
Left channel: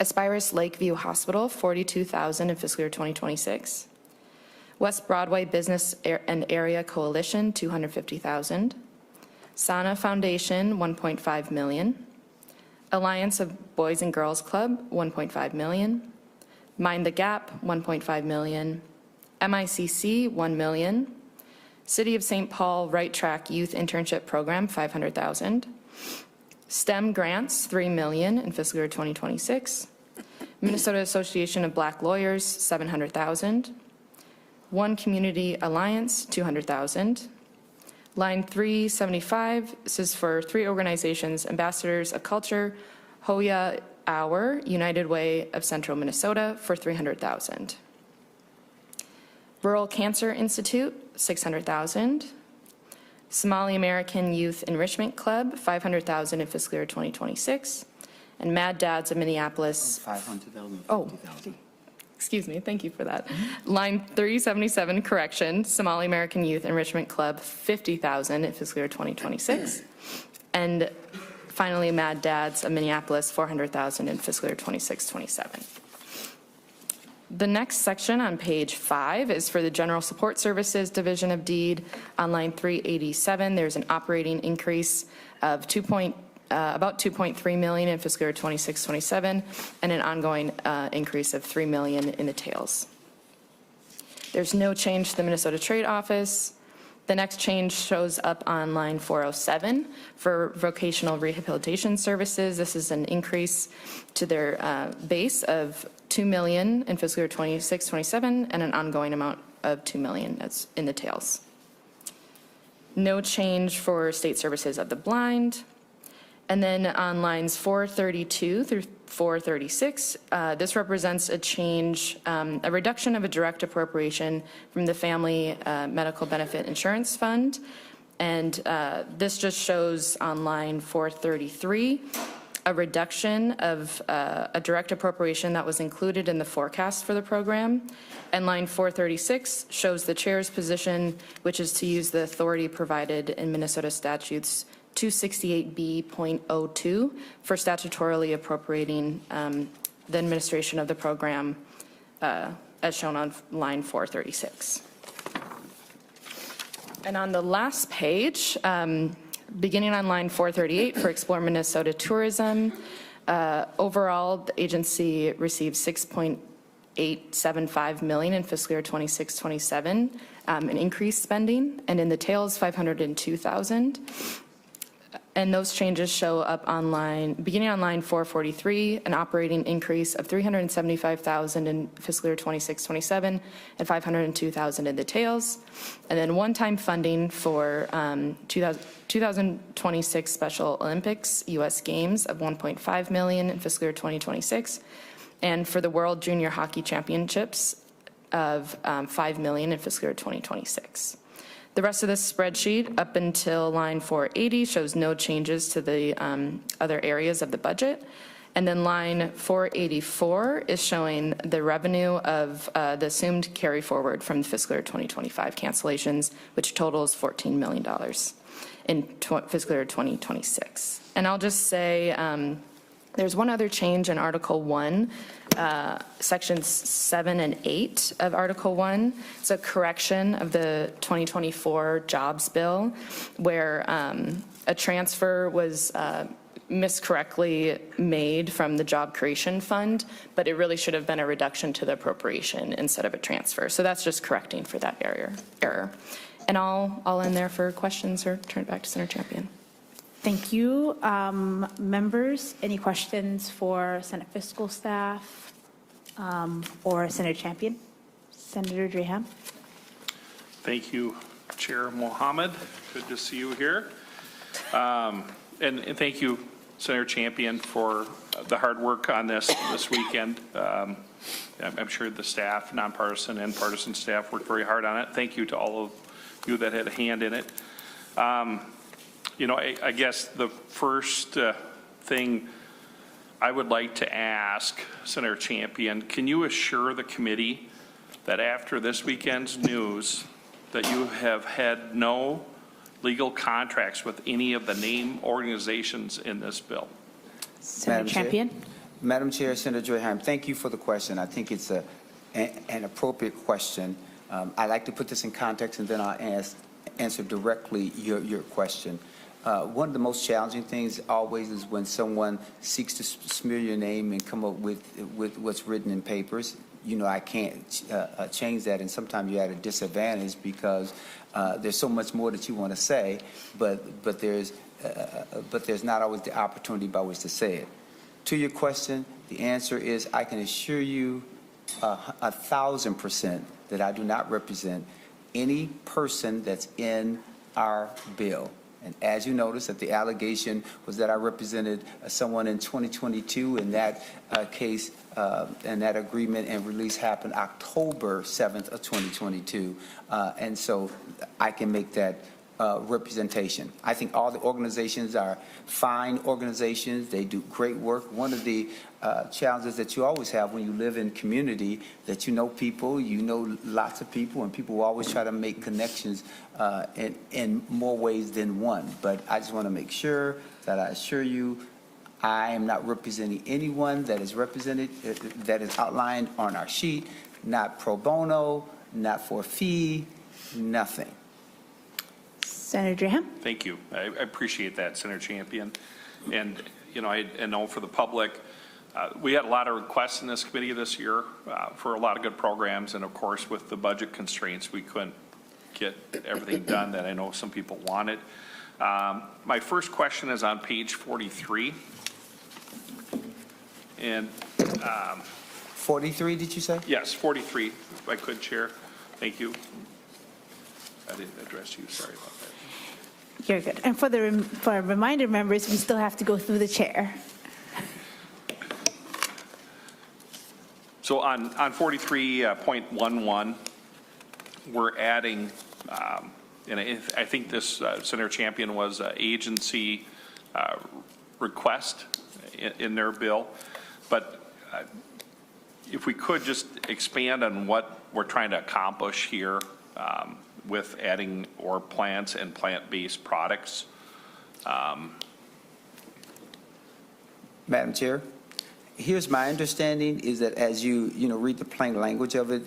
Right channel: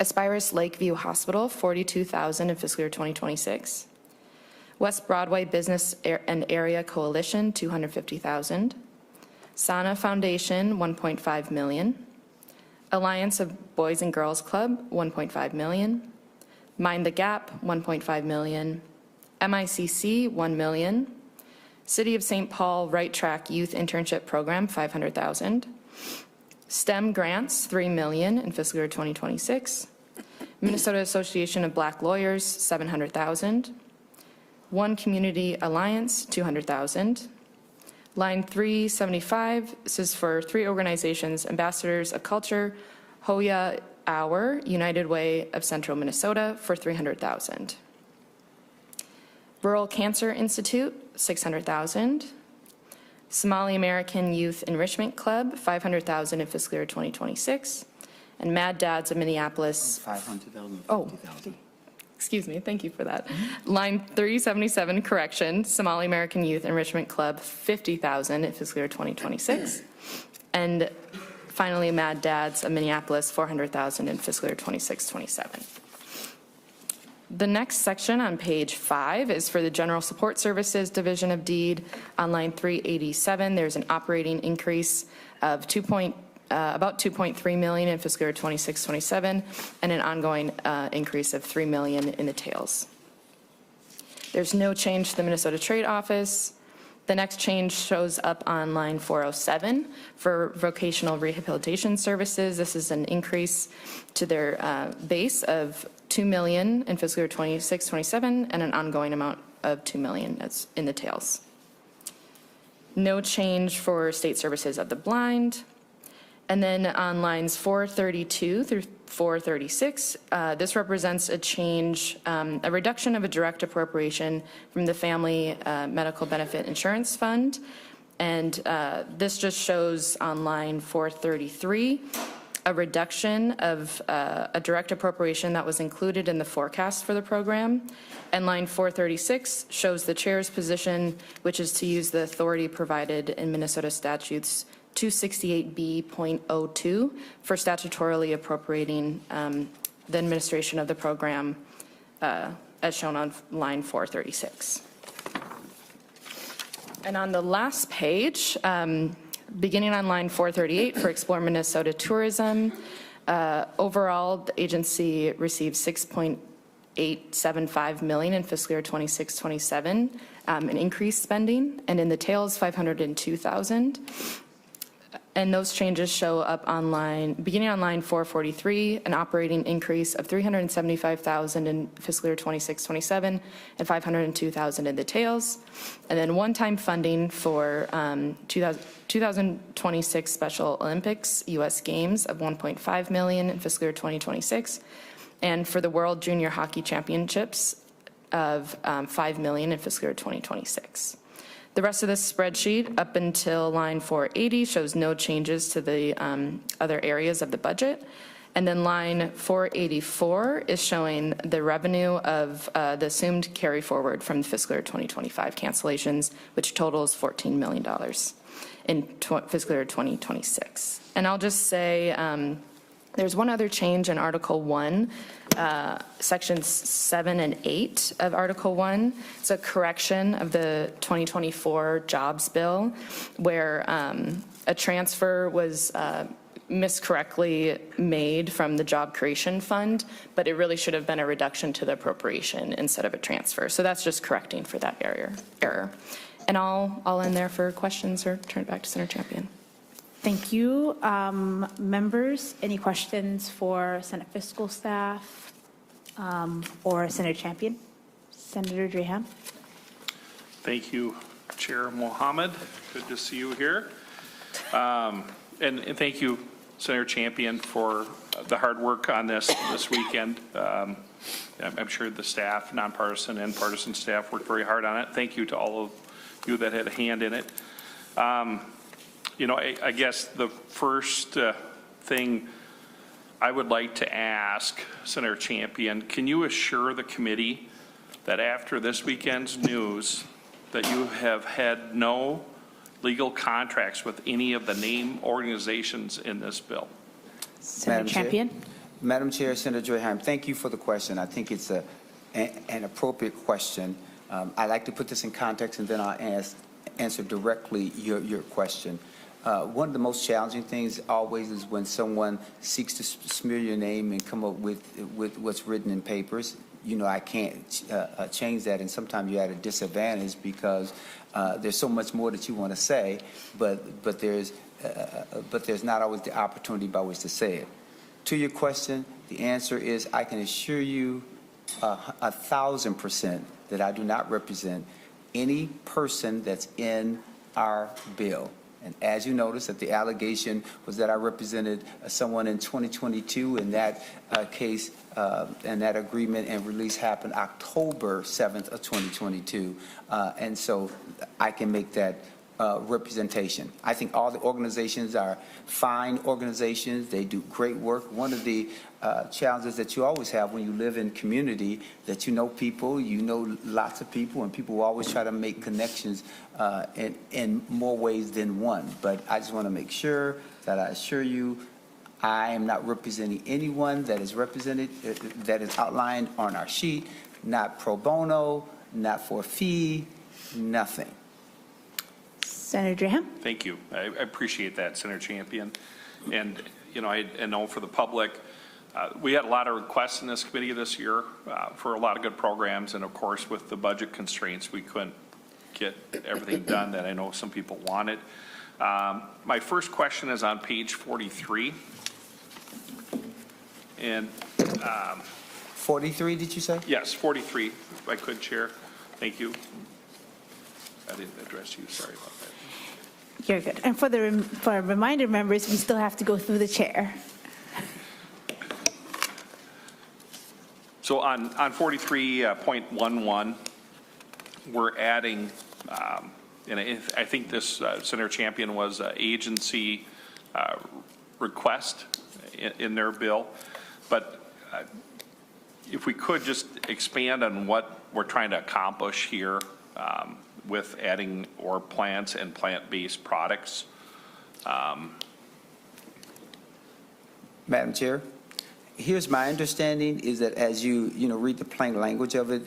Aspirus Lakeview Hospital, 42,000 in fiscal year 2026. West Broadway Business and Area Coalition, 250,000. Sana Foundation, 1.5 million. Alliance of Boys and Girls Club, 1.5 million. Mind the Gap, 1.5 million. MICC, 1 million. City of St. Paul Right Track Youth Internship Program, 500,000. STEM grants, 3 million in fiscal year 2026. Minnesota Association of Black Lawyers, 700,000. One Community Alliance, 200,000. Line 375, this is for 3 organizations, Ambassadors of Culture, Hoya Hour, United Way of Central Minnesota, for 300,000. Rural Cancer Institute, 600,000. Somali American Youth Enrichment Club, 500,000 in fiscal year 2026. And Mad Dads of Minneapolis. 500,000. Oh, excuse me, thank you for that. Line 377, correction, Somali American Youth Enrichment Club, 50,000 in fiscal year 2026. And finally, Mad Dads of Minneapolis, 400,000 in fiscal year 26-27. The next section on page 5 is for the General Support Services Division of Deed. On line 387, there's an operating increase of about 2.3 million in fiscal year 26-27, and an ongoing increase of 3 million in the tails. There's no change to the Minnesota Trade Office. The next change shows up on line 407 for vocational rehabilitation services. This is an increase to their base of 2 million in fiscal year 26-27, and an ongoing amount of 2 million that's in the tails. No change for state services of the blind. And then on lines 432 through 436, this represents a change, a reduction of a direct appropriation from the Family Medical Benefit Insurance Fund. And this just shows on line 433, a reduction of a direct appropriation that was included in the forecast for the program. And line 436 shows the chair's position, which is to use the authority provided in Minnesota statutes 268B.02 for statutorily appropriating the administration of the program as shown on line 436. And on the last page, beginning on line 438 for Explore Minnesota Tourism, overall the agency received 6.875 million in fiscal year 26-27, an increased spending, and in the tails 502,000. And those changes show up on line, beginning on line 443, an operating increase of 375,000 in fiscal year 26-27 and 502,000 in the tails. And then one-time funding for 2026 Special Olympics U.S. Games of 1.5 million in fiscal year 2026, and for the World Junior Hockey Championships of 5 million in fiscal year 2026. The rest of this spreadsheet up until line 480 shows no changes to the other areas of the budget. And then line 484 is showing the revenue of the assumed carry forward from the fiscal year 2025 cancellations, which totals $14 million in fiscal year 2026. And I'll just say there's one other change in Article 1 sections 7 and 8 of Article 1. It's a correction of the 2024 jobs bill where a transfer was miscorrectly made from the job creation fund, but it really should have been a reduction to the appropriation instead of a transfer. So that's just correcting for that error. And I'll end there for questions or turn it back to Senator Champion. Thank you. Members, any questions for Senate fiscal staff or Senator Champion? Senator Dreham? Thank you, Chair Mohammed. Good to see you here. And thank you, Senator Champion, for the hard work on this weekend. I'm sure the staff, nonpartisan and partisan staff, worked very hard on it. Thank you to all of you that had a hand in it. I guess the first thing I would like to ask Senator Champion, can you assure the committee that after this weekend's news that you have had no legal contracts with any of the named organizations in this bill? Senator Champion? Madam Chair, Senator Dreham, thank you for the question. I think it's an appropriate question. I like to put this in context, and then I'll answer directly your question. One of the most challenging things always is when someone seeks to smear your name and come up with what's written in papers. I can't change that, and sometimes you're at a disadvantage because there's so much more that you want to say, but there's not always the opportunity by which to say it. To your question, the answer is I can assure you 1,000% that I do not represent any person that's in our bill. And as you notice, that the allegation was that I represented someone in 2022. In that case, and that agreement and release happened October 7th of 2022. And so I can make that representation. I think all the organizations are fine organizations. They do great work. One of the challenges that you always have when you live in community, that you know people, you know lots of people, and people will always try to make connections in more ways than one. But I just want to make sure that I assure you I am not representing anyone that is represented, that is outlined on our sheet, not pro bono, not for a fee, nothing. Senator Dreham? Thank you. I appreciate that, Senator Champion. And, I know for the public, we had a lot of requests in this committee this year for a lot of good programs. And, of course, with the budget constraints, we couldn't get everything done that I know some people wanted. My first question is on page 43. And 43, did you say? yes, 43, if I could, Chair. Thank you. I didn't address you. Sorry about that. You're good. And for reminder members, we still have to go through the chair. So on 43.11, we're adding, and I think this, Senator Champion, was an agency request in their bill. But if we could just expand on what we're trying to accomplish here with adding or plants and plant-based products. Madam Chair, here's my understanding is that as you read the plain language of it,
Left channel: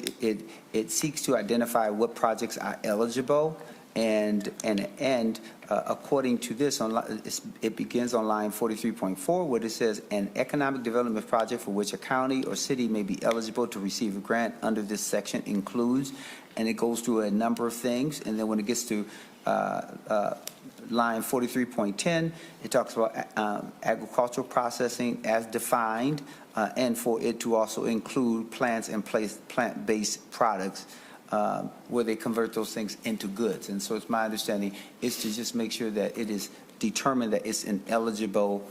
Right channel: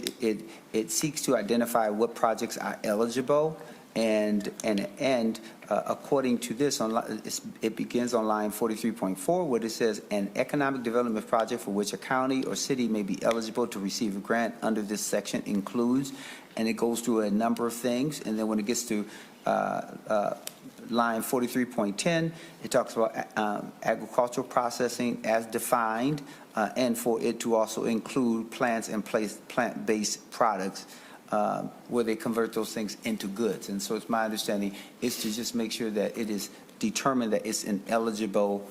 it seeks to identify what projects are eligible, and according to this, it begins on line 43.4, where it says an economic development project for which a county or city may be eligible to receive a grant under this section includes, and it goes through a number of things, and then when it gets to line 43.10, it talks about agricultural processing as defined, and for it to also include plants and plant-based products where they convert those things into goods. And so it's my understanding is to just make sure that it is determined that it's an eligible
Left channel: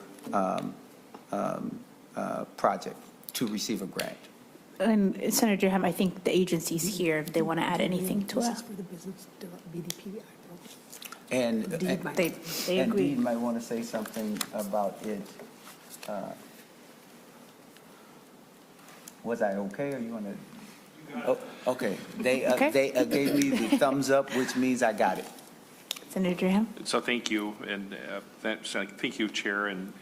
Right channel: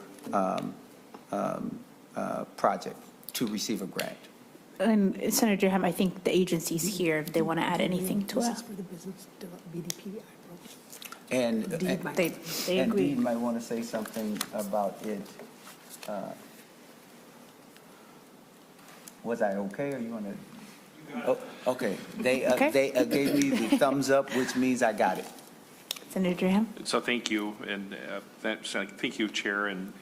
project to receive a grant. And Senator Dreham, I think the agency's here if they want to add anything to it. And They and agree. Dee might want to say something about it. Was I okay, or you want to? Oh, okay. They gave me the thumbs up, which means I got it. Senator Graham? So thank you, and thank you, Chair and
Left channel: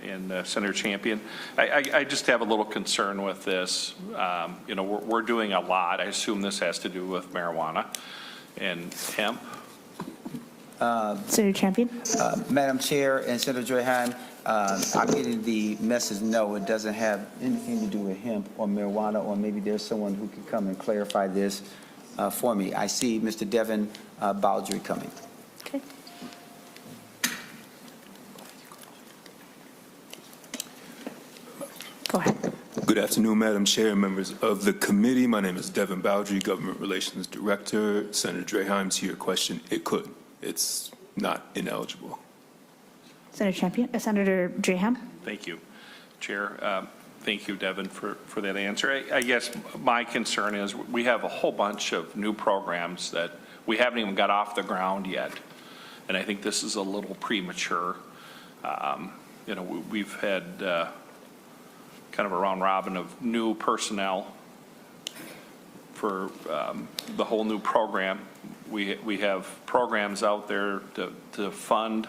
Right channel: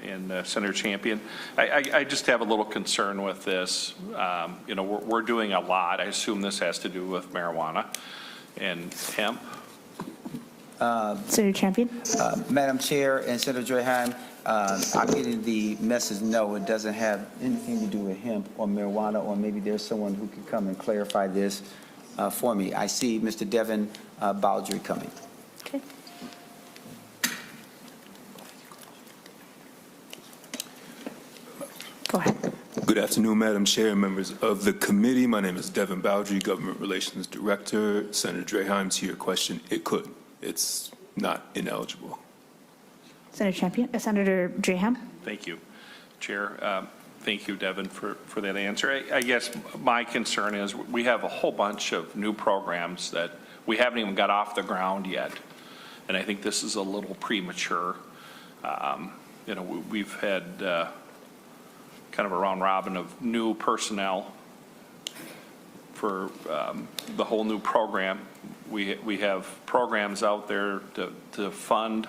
Senator Champion. I just have a little concern with this. You know, we're doing a lot. I assume this has to do with marijuana and hemp. Senator Champion? Madam Chair and Senator Joyhan, I'm getting the message, no, it doesn't have anything to do with hemp or marijuana, or maybe there's someone who can come and clarify this for me. I see Mr. Devin Baldry coming. Okay. Go ahead. Good afternoon, Madam Chair and members of the committee. My name is Devin Baldry, Government Relations Director. Senator Draheim, to your question, it could. It's not ineligible. Senator Champion, Senator Graham? Thank you, Chair. Thank you, Devin, for that answer. I guess my concern is we have a whole bunch of new programs that we haven't even got off the ground yet, and I think this is a little premature. You know, we've had kind of a round robin of new personnel for the whole new program. We have programs out there to fund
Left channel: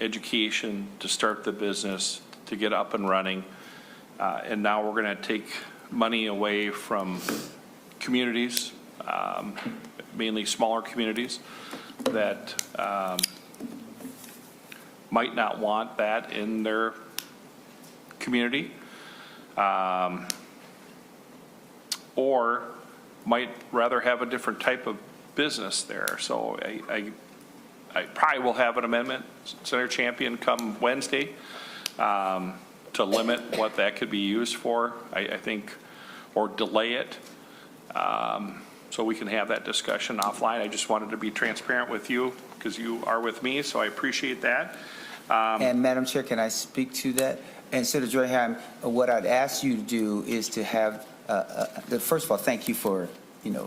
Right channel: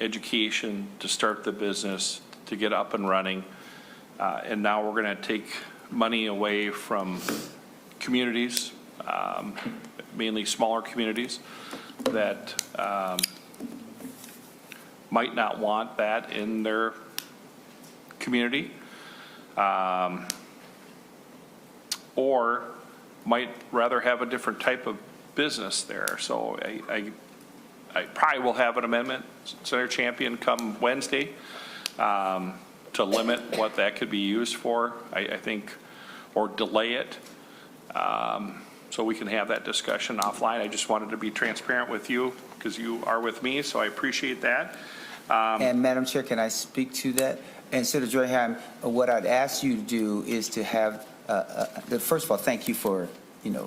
education, to start the business, to get up and running. And now we're going to take money away from communities, mainly smaller communities that might not want that in their community, or might rather have a different type of business there. So I probably will have an amendment, Senator Champion, come Wednesday to limit what that could be used for, I think, or delay it, so we can have that discussion offline. I just wanted to be transparent with you because you are with me, so I appreciate that. And Madam Chair, can I speak to that? And Senator Joyhan, what I'd ask you to do is to have, first of all, thank you for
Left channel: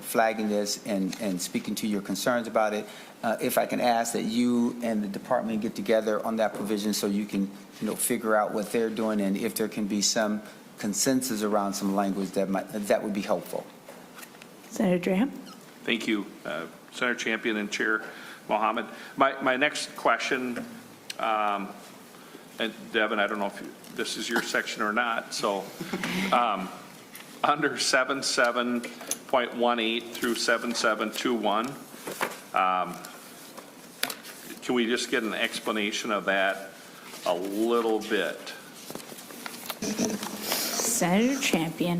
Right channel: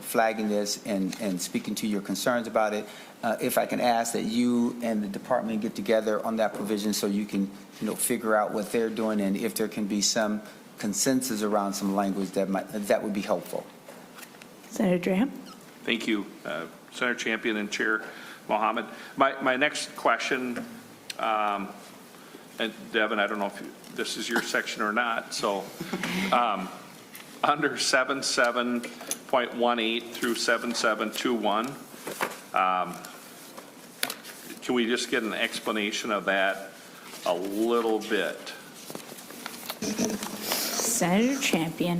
flagging this and speaking to your concerns about it. If I can ask that you and the department get together on that provision so you can figure out what they're doing, and if there can be some consensus around some language that would be helpful. Senator Graham? Thank you, Senator Champion and Chair Mohammed. My next question, and Devin, I don't know if this is your section or not, so under 77.18 through 7721, can we just get an explanation of that a little bit? Senator Champion.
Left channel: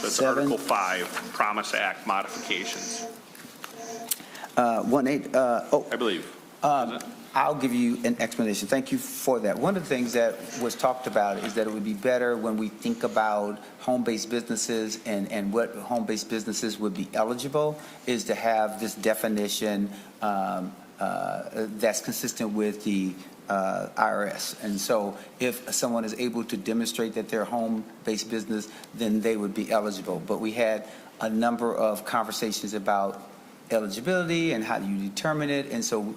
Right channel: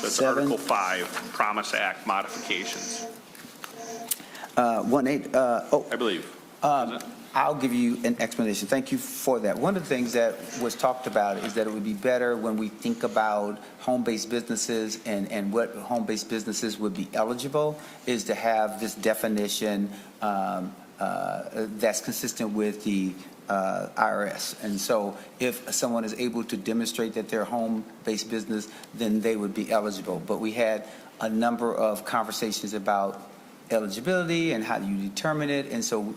That's Article 5, Promise Act modifications. 1.8. I believe. I'll give you an explanation. Thank you for that. One of the things that was talked about is that it would be better when we think about home-based businesses and what home-based businesses would be eligible is to have this definition that's consistent with the IRS. And so if someone is able to demonstrate that they're a home-based business, then they would be eligible. But we had a number of conversations about eligibility and how do you determine it. And so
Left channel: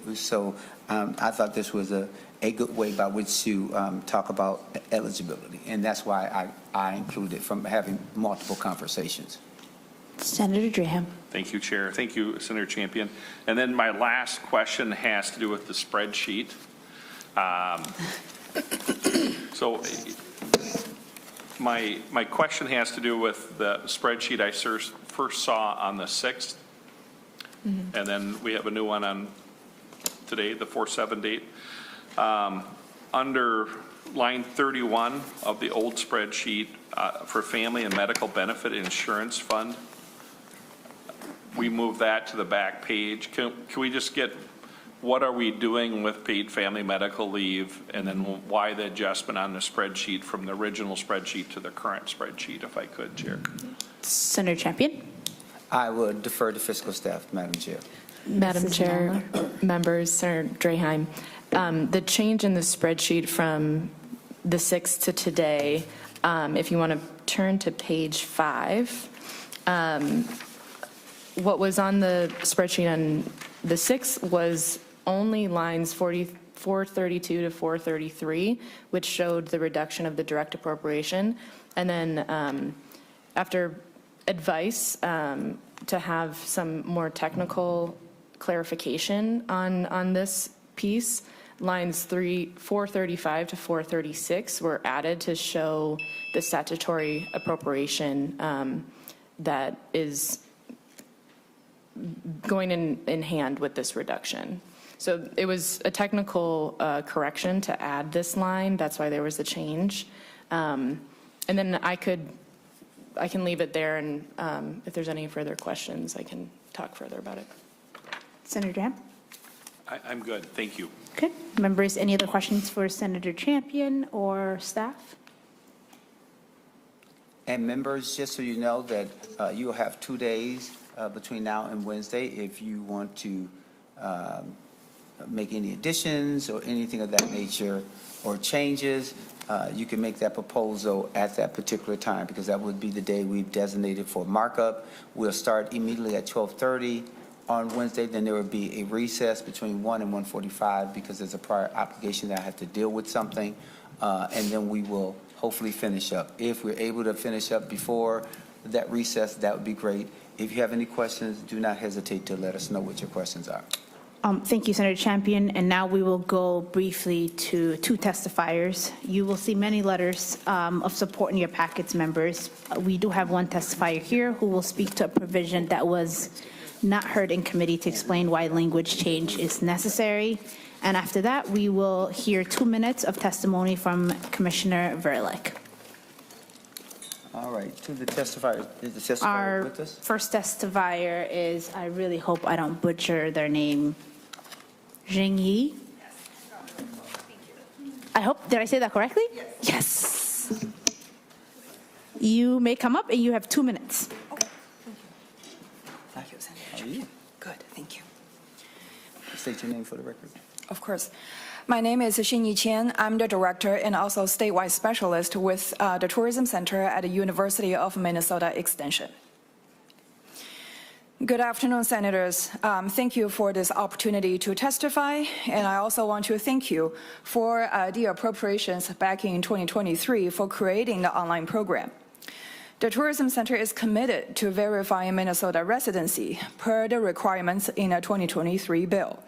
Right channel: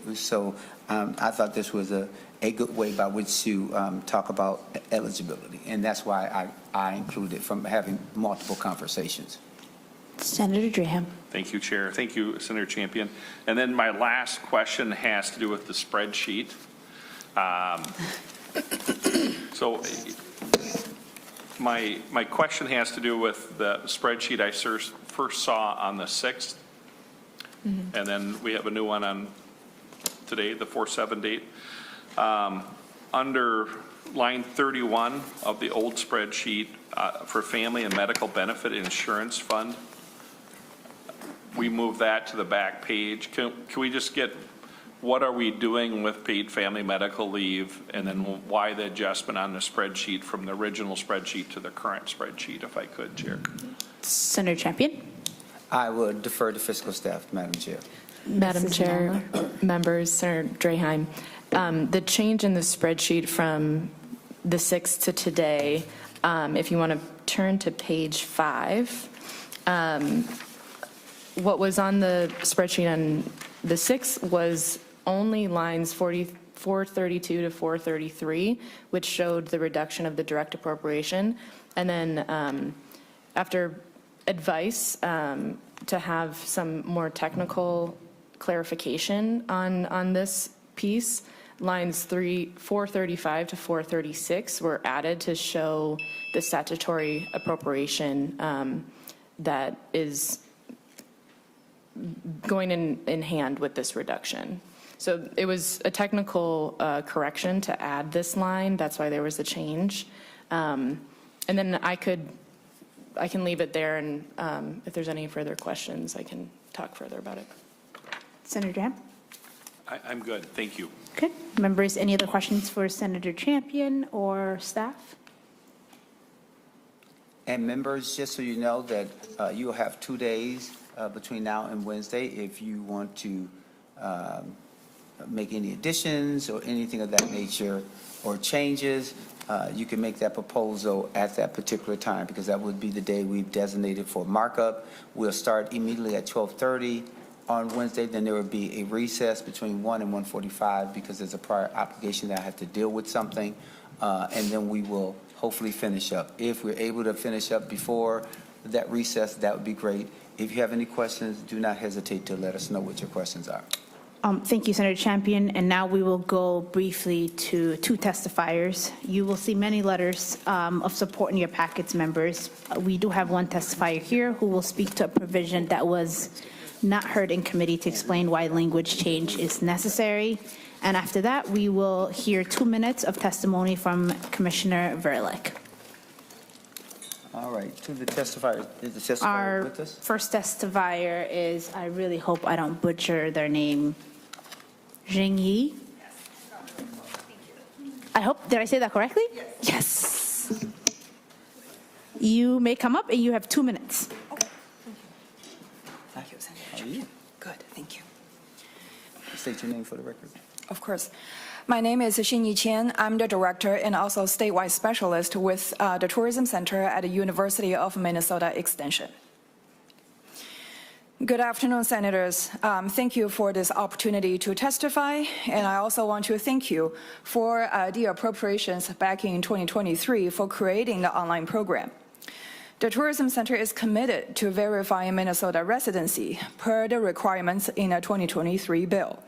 I thought this was a good way by which to talk about eligibility. And that's why I included it from having multiple conversations. Senator Graham. Thank you, Chair. Thank you, Senator Champion. And then my last question has to do with the spreadsheet. So my question has to do with the spreadsheet I first saw on the 6th. Mm-hmm. And then we have a new one on today, the 4/7 date. Under line 31 of the old spreadsheet for Family and Medical Benefit Insurance Fund, we move that to the back page. Can we just get what are we doing with paid family medical leave, and then why the adjustment on the spreadsheet from the original spreadsheet to the current spreadsheet, if I could, Chair? Senator Champion. I would defer to fiscal staff, Madam Chair. Madam Chair, members, Senator Draheim, the change in the spreadsheet from the 6th to today, if you want to turn to page 5, what was on the spreadsheet on the 6th was only lines 432 to 433, which showed the reduction of the direct appropriation. And then after advice to have some more technical clarification on this piece. Lines 435 to 436 were added to show the statutory appropriation that is going in hand with this reduction. So it was a technical correction to add this line. That's why there was a change. And then I can leave it there, and if there's any further questions, I can talk further about it. Senator Jan? I'm good, thank you. Okay. Members, any other questions for Senator Champion or staff? And members, just so you know that you'll have 2 days between now and Wednesday if you want to make any additions or anything of that nature or changes. You can make that proposal at that particular time, because that would be the day we've designated for markup. We'll start immediately at 12:30 on Wednesday. Then there will be a recess between 1 and 1:45 because there's a prior obligation that I have to deal with something. And then we will hopefully finish up. If we're able to finish up before that recess, that would be great. If you have any questions, do not hesitate to let us know what your questions are. Thank you, Senator Champion. And now we will go briefly to two testifiers. You will see many letters of support in your packets, members. We do have one testifier here who will speak to a provision that was not heard in committee to explain why language change is necessary. And after that, we will hear 2 minutes of testimony from Commissioner Verlick. All right, to the testifier. Is the testifier Our with us? first testifier is, I really hope I don't butcher their name, Jingyi. I hope, did I say that correctly? Yes. You may come up and you have 2 minutes. How are you? Good, thank you. State your name for the record. Of course. My name is Xinyi Qian. I'm the director and also statewide specialist with the Tourism Center at the University of Minnesota Extension. Good afternoon, Senators. Thank you for this opportunity to testify, and I also want to thank you for the appropriations back in 2023 for creating the online program. The Tourism Center is committed to verifying Minnesota residency per the requirements in the 2023 bill.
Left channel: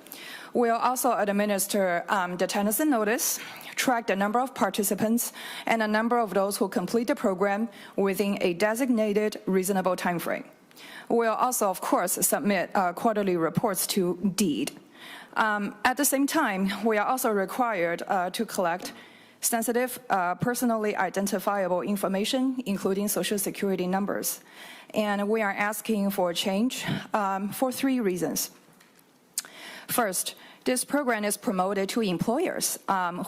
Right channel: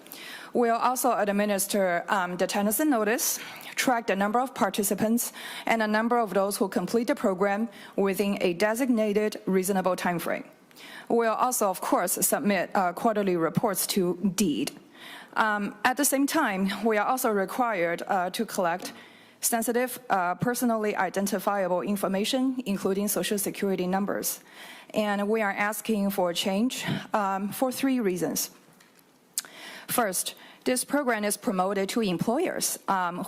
We'll also administer the Tennyson notice, track the number of participants, and the number of those who complete the program within a designated reasonable timeframe. We'll also, of course, submit quarterly reports to DEED. At the same time, we are also required to collect sensitive, personally identifiable information, including Social Security numbers. And we are asking for a change for 3 reasons. First, this program is promoted to employers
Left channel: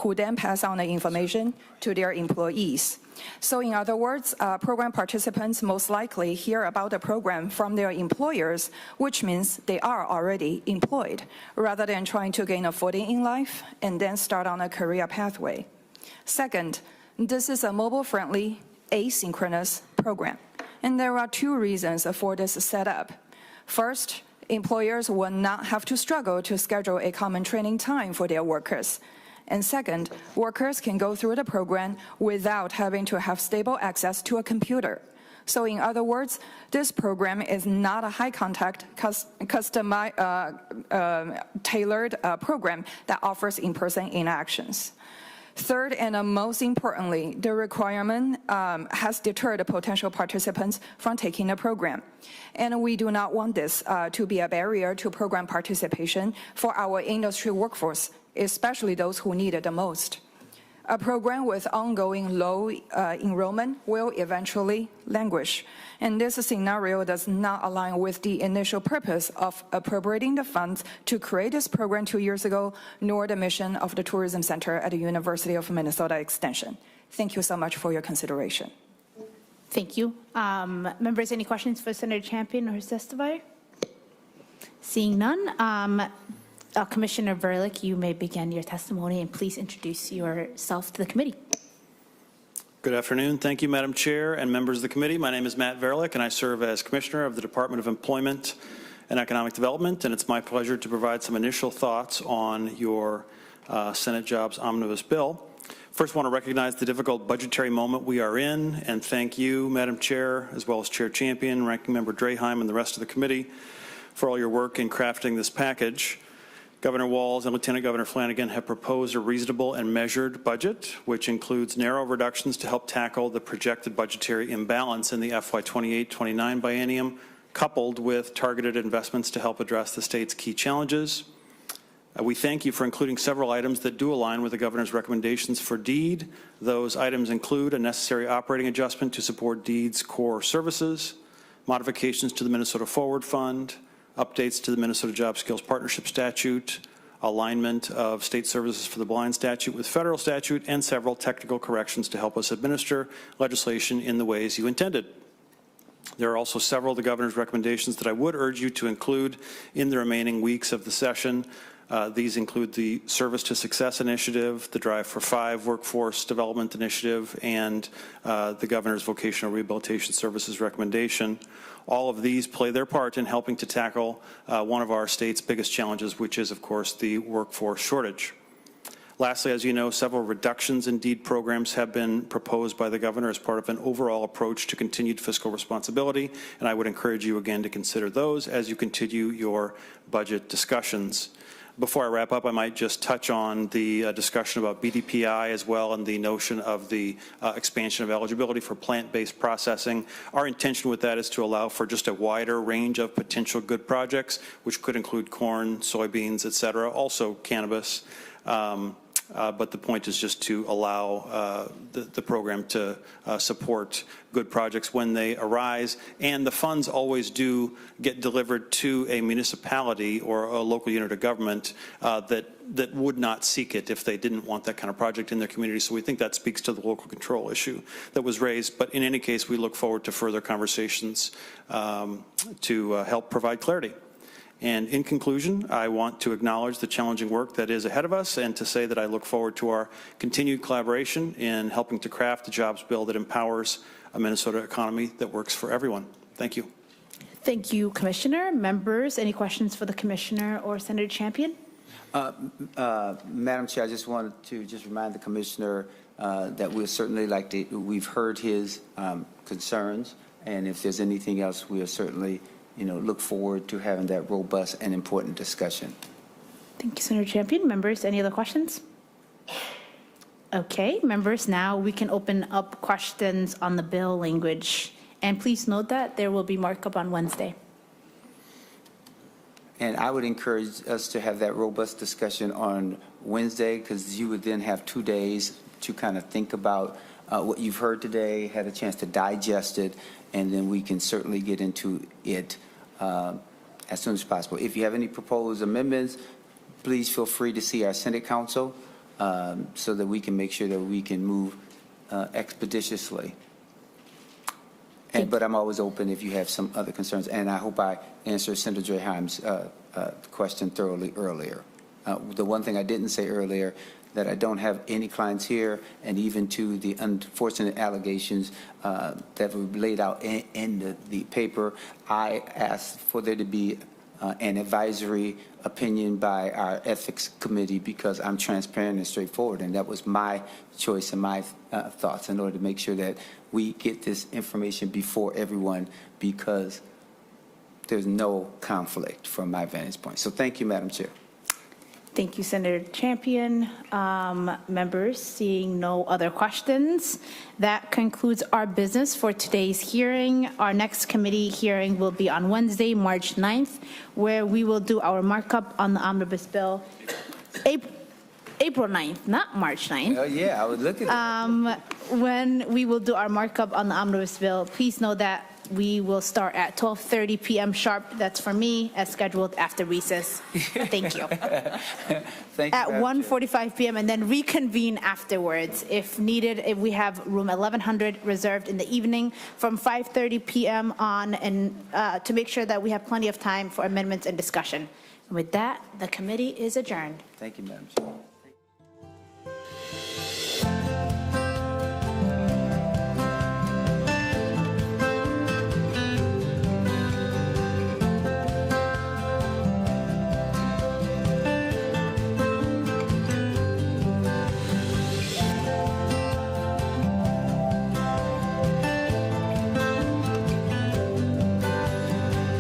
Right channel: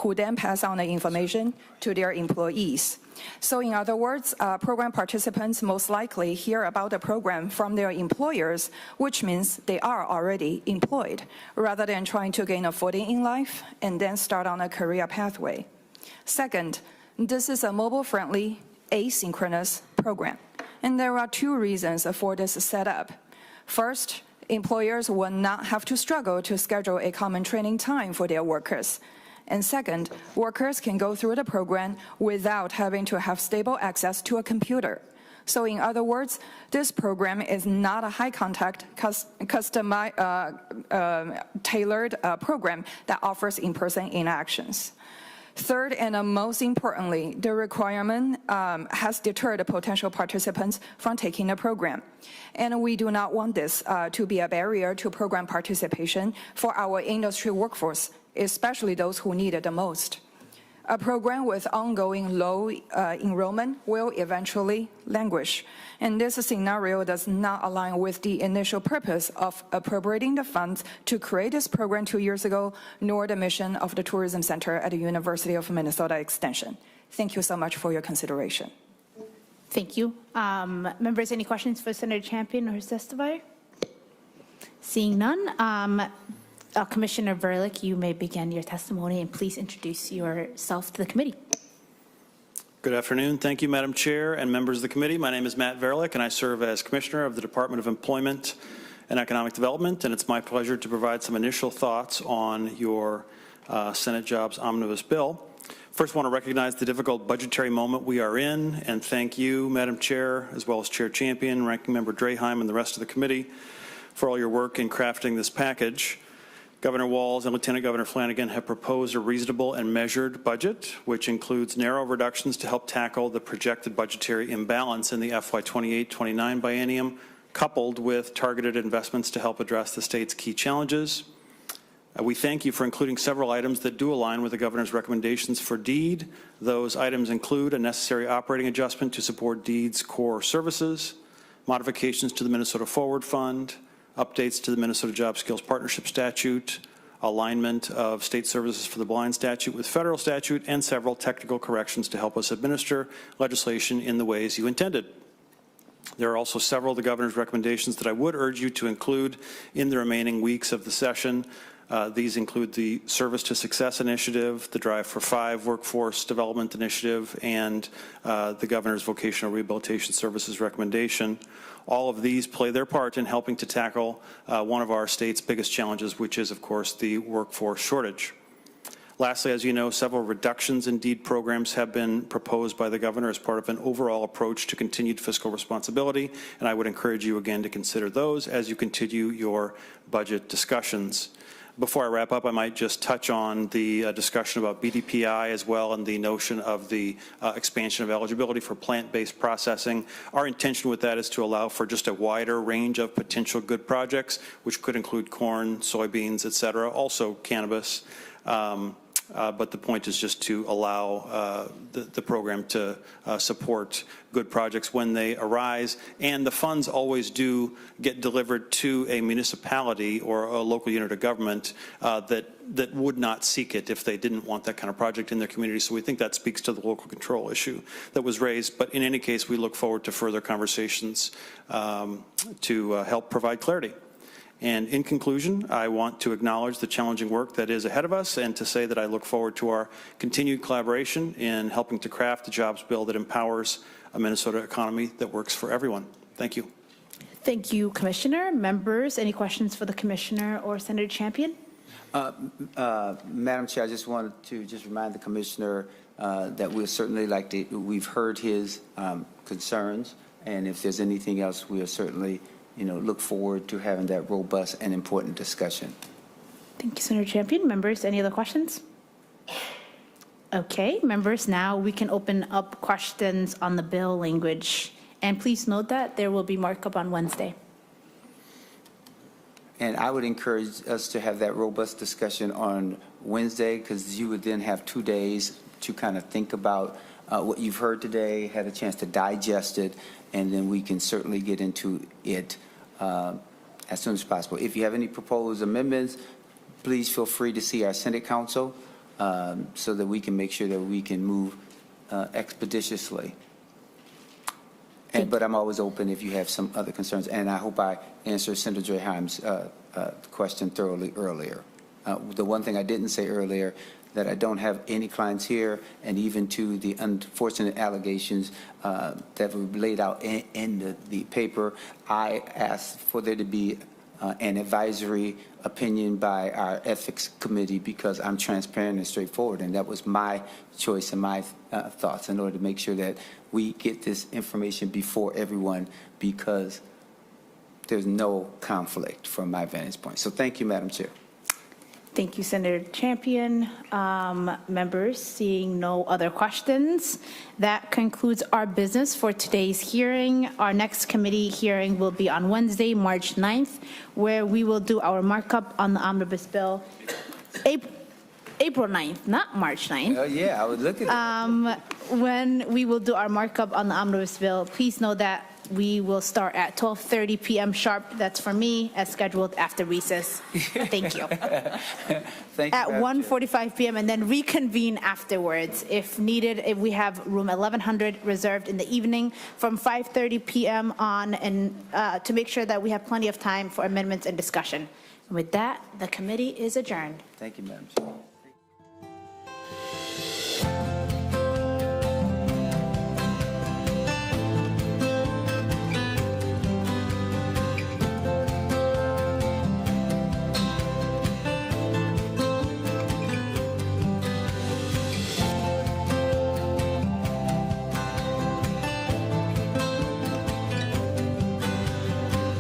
who then pass on the information to their employees. So in other words, program participants most likely hear about the program from their employers, which means they are already employed, rather than trying to gain a footing in life and then start on a career pathway. Second, this is a mobile-friendly, asynchronous program. And there are 2 reasons for this setup. First, employers will not have to struggle to schedule a common training time for their workers. And second, workers can go through the program without having to have stable access to a computer. So in other words, this program is not a high-contact, tailored program that offers in-person interactions. Third, and most importantly, the requirement has deterred potential participants from taking the program. And we do not want this to be a barrier to program participation for our industry workforce, especially those who need it the most. A program with ongoing low enrollment will eventually languish. And this scenario does not align with the initial purpose of appropriating the funds to create this program 2 years ago, nor the mission of the Tourism Center at the University of Minnesota Extension. Thank you so much for your consideration. Thank you. Members, any questions for Senator Champion or his testifier? Seeing none, Commissioner Verlick, you may begin your testimony, and please introduce yourself to the committee. Good afternoon. Thank you, Madam Chair and members of the committee. My name is Matt Verlick, and I serve as Commissioner of the Department of Employment and Economic Development, and it's my pleasure to provide some initial thoughts on your Senate Jobs Omnibus bill. First, I want to recognize the difficult budgetary moment we are in, and thank you, Madam Chair, as well as Chair Champion, Ranking Member Draheim, and the rest of the committee for all your work in crafting this package. Governor Walz and Lieutenant Governor Flanagan have proposed a reasonable and measured budget, which includes narrow reductions to help tackle the projected budgetary imbalance in the FY 28-29 biennium, coupled with targeted investments to help address the state's key challenges. We thank you for including several items that do align with the governor's recommendations for DEED. Those items include a necessary operating adjustment to support DEED's core services, modifications to the Minnesota Forward Fund, updates to the Minnesota Job Skills Partnership Statute, alignment of state services for the blind statute with federal statute, and several technical corrections to help us administer legislation in the ways you intended. There are also several of the governor's recommendations that I would urge you to include in the remaining weeks of the session. These include the Service to Success Initiative, the Drive for 5 Workforce Development Initiative, and the Governor's Vocational Rehabilitation Services recommendation. All of these play their part in helping to tackle one of our state's biggest challenges, which is, of course, the workforce shortage. Lastly, as you know, several reductions in DEED programs have been proposed by the governor as part of an overall approach to continued fiscal responsibility, and I would encourage you again to consider those as you continue your budget discussions. Before I wrap up, I might just touch on the discussion about BDPI as well, and the notion of the expansion of eligibility for plant-based processing. Our intention with that is to allow for just a wider range of potential good projects, which could include corn, soybeans, et cetera, also cannabis. But the point is just to allow the program to support good projects when they arise. And the funds always do get delivered to a municipality or a local unit of government that would not seek it if they didn't want that kind of project in their community. So we think that speaks to the local control issue that was raised. But in any case, we look forward to further conversations to help provide clarity. And in conclusion, I want to acknowledge the challenging work that is ahead of us and to say that I look forward to our continued collaboration in helping to craft a jobs bill that empowers a Minnesota economy that works for everyone. Thank you. Thank you, Commissioner. Members, any questions for the Commissioner or Senator Champion? Madam Chair, I just wanted to remind the Commissioner that we'll certainly we've heard his concerns, and if there's anything else, we'll certainly look forward to having that robust and important discussion. Thank you, Senator Champion. Members, any other questions? Okay, members, now we can open up questions on the bill language. And please note that there will be markup on Wednesday. And I would encourage us to have that robust discussion on Wednesday, because you would then have 2 days to kind of think about what you've heard today, had a chance to digest it, and then we can certainly get into it as soon as possible. If you have any proposed amendments, please feel free to see our Senate Counsel so that we can make sure that we can move expeditiously. But I'm always open if you have some other concerns, and I hope I answered Senator Draheim's question thoroughly earlier. The one thing I didn't say earlier, that I don't have any clients here, and even to the unfortunate allegations that were laid out in the paper, I asked for there to be an advisory opinion by our ethics committee, because I'm transparent and straightforward, and that was my choice and my thoughts in order to make sure that we get this information before everyone, because there's no conflict from my vantage point. So thank you, Madam Chair. Thank you, Senator Champion. Members, seeing no other questions, that concludes our business for today's hearing. Our next committee hearing will be on Wednesday, March 9th, where we will do our markup on the omnibus bill. April 9th, not March 9th. Yeah, I was looking at When we will do our markup on the omnibus bill, please know that we will start at 12:30 p.m. sharp. That's for me, as scheduled after recess. Thank you. Thank you, At 1:45 p.m. and then reconvene afterwards if needed. If we have room 1100 reserved in the evening from 5:30 p.m. on, and to make sure that we have plenty of time for amendments and discussion. With that, the committee is adjourned. Thank you, Madam Chair.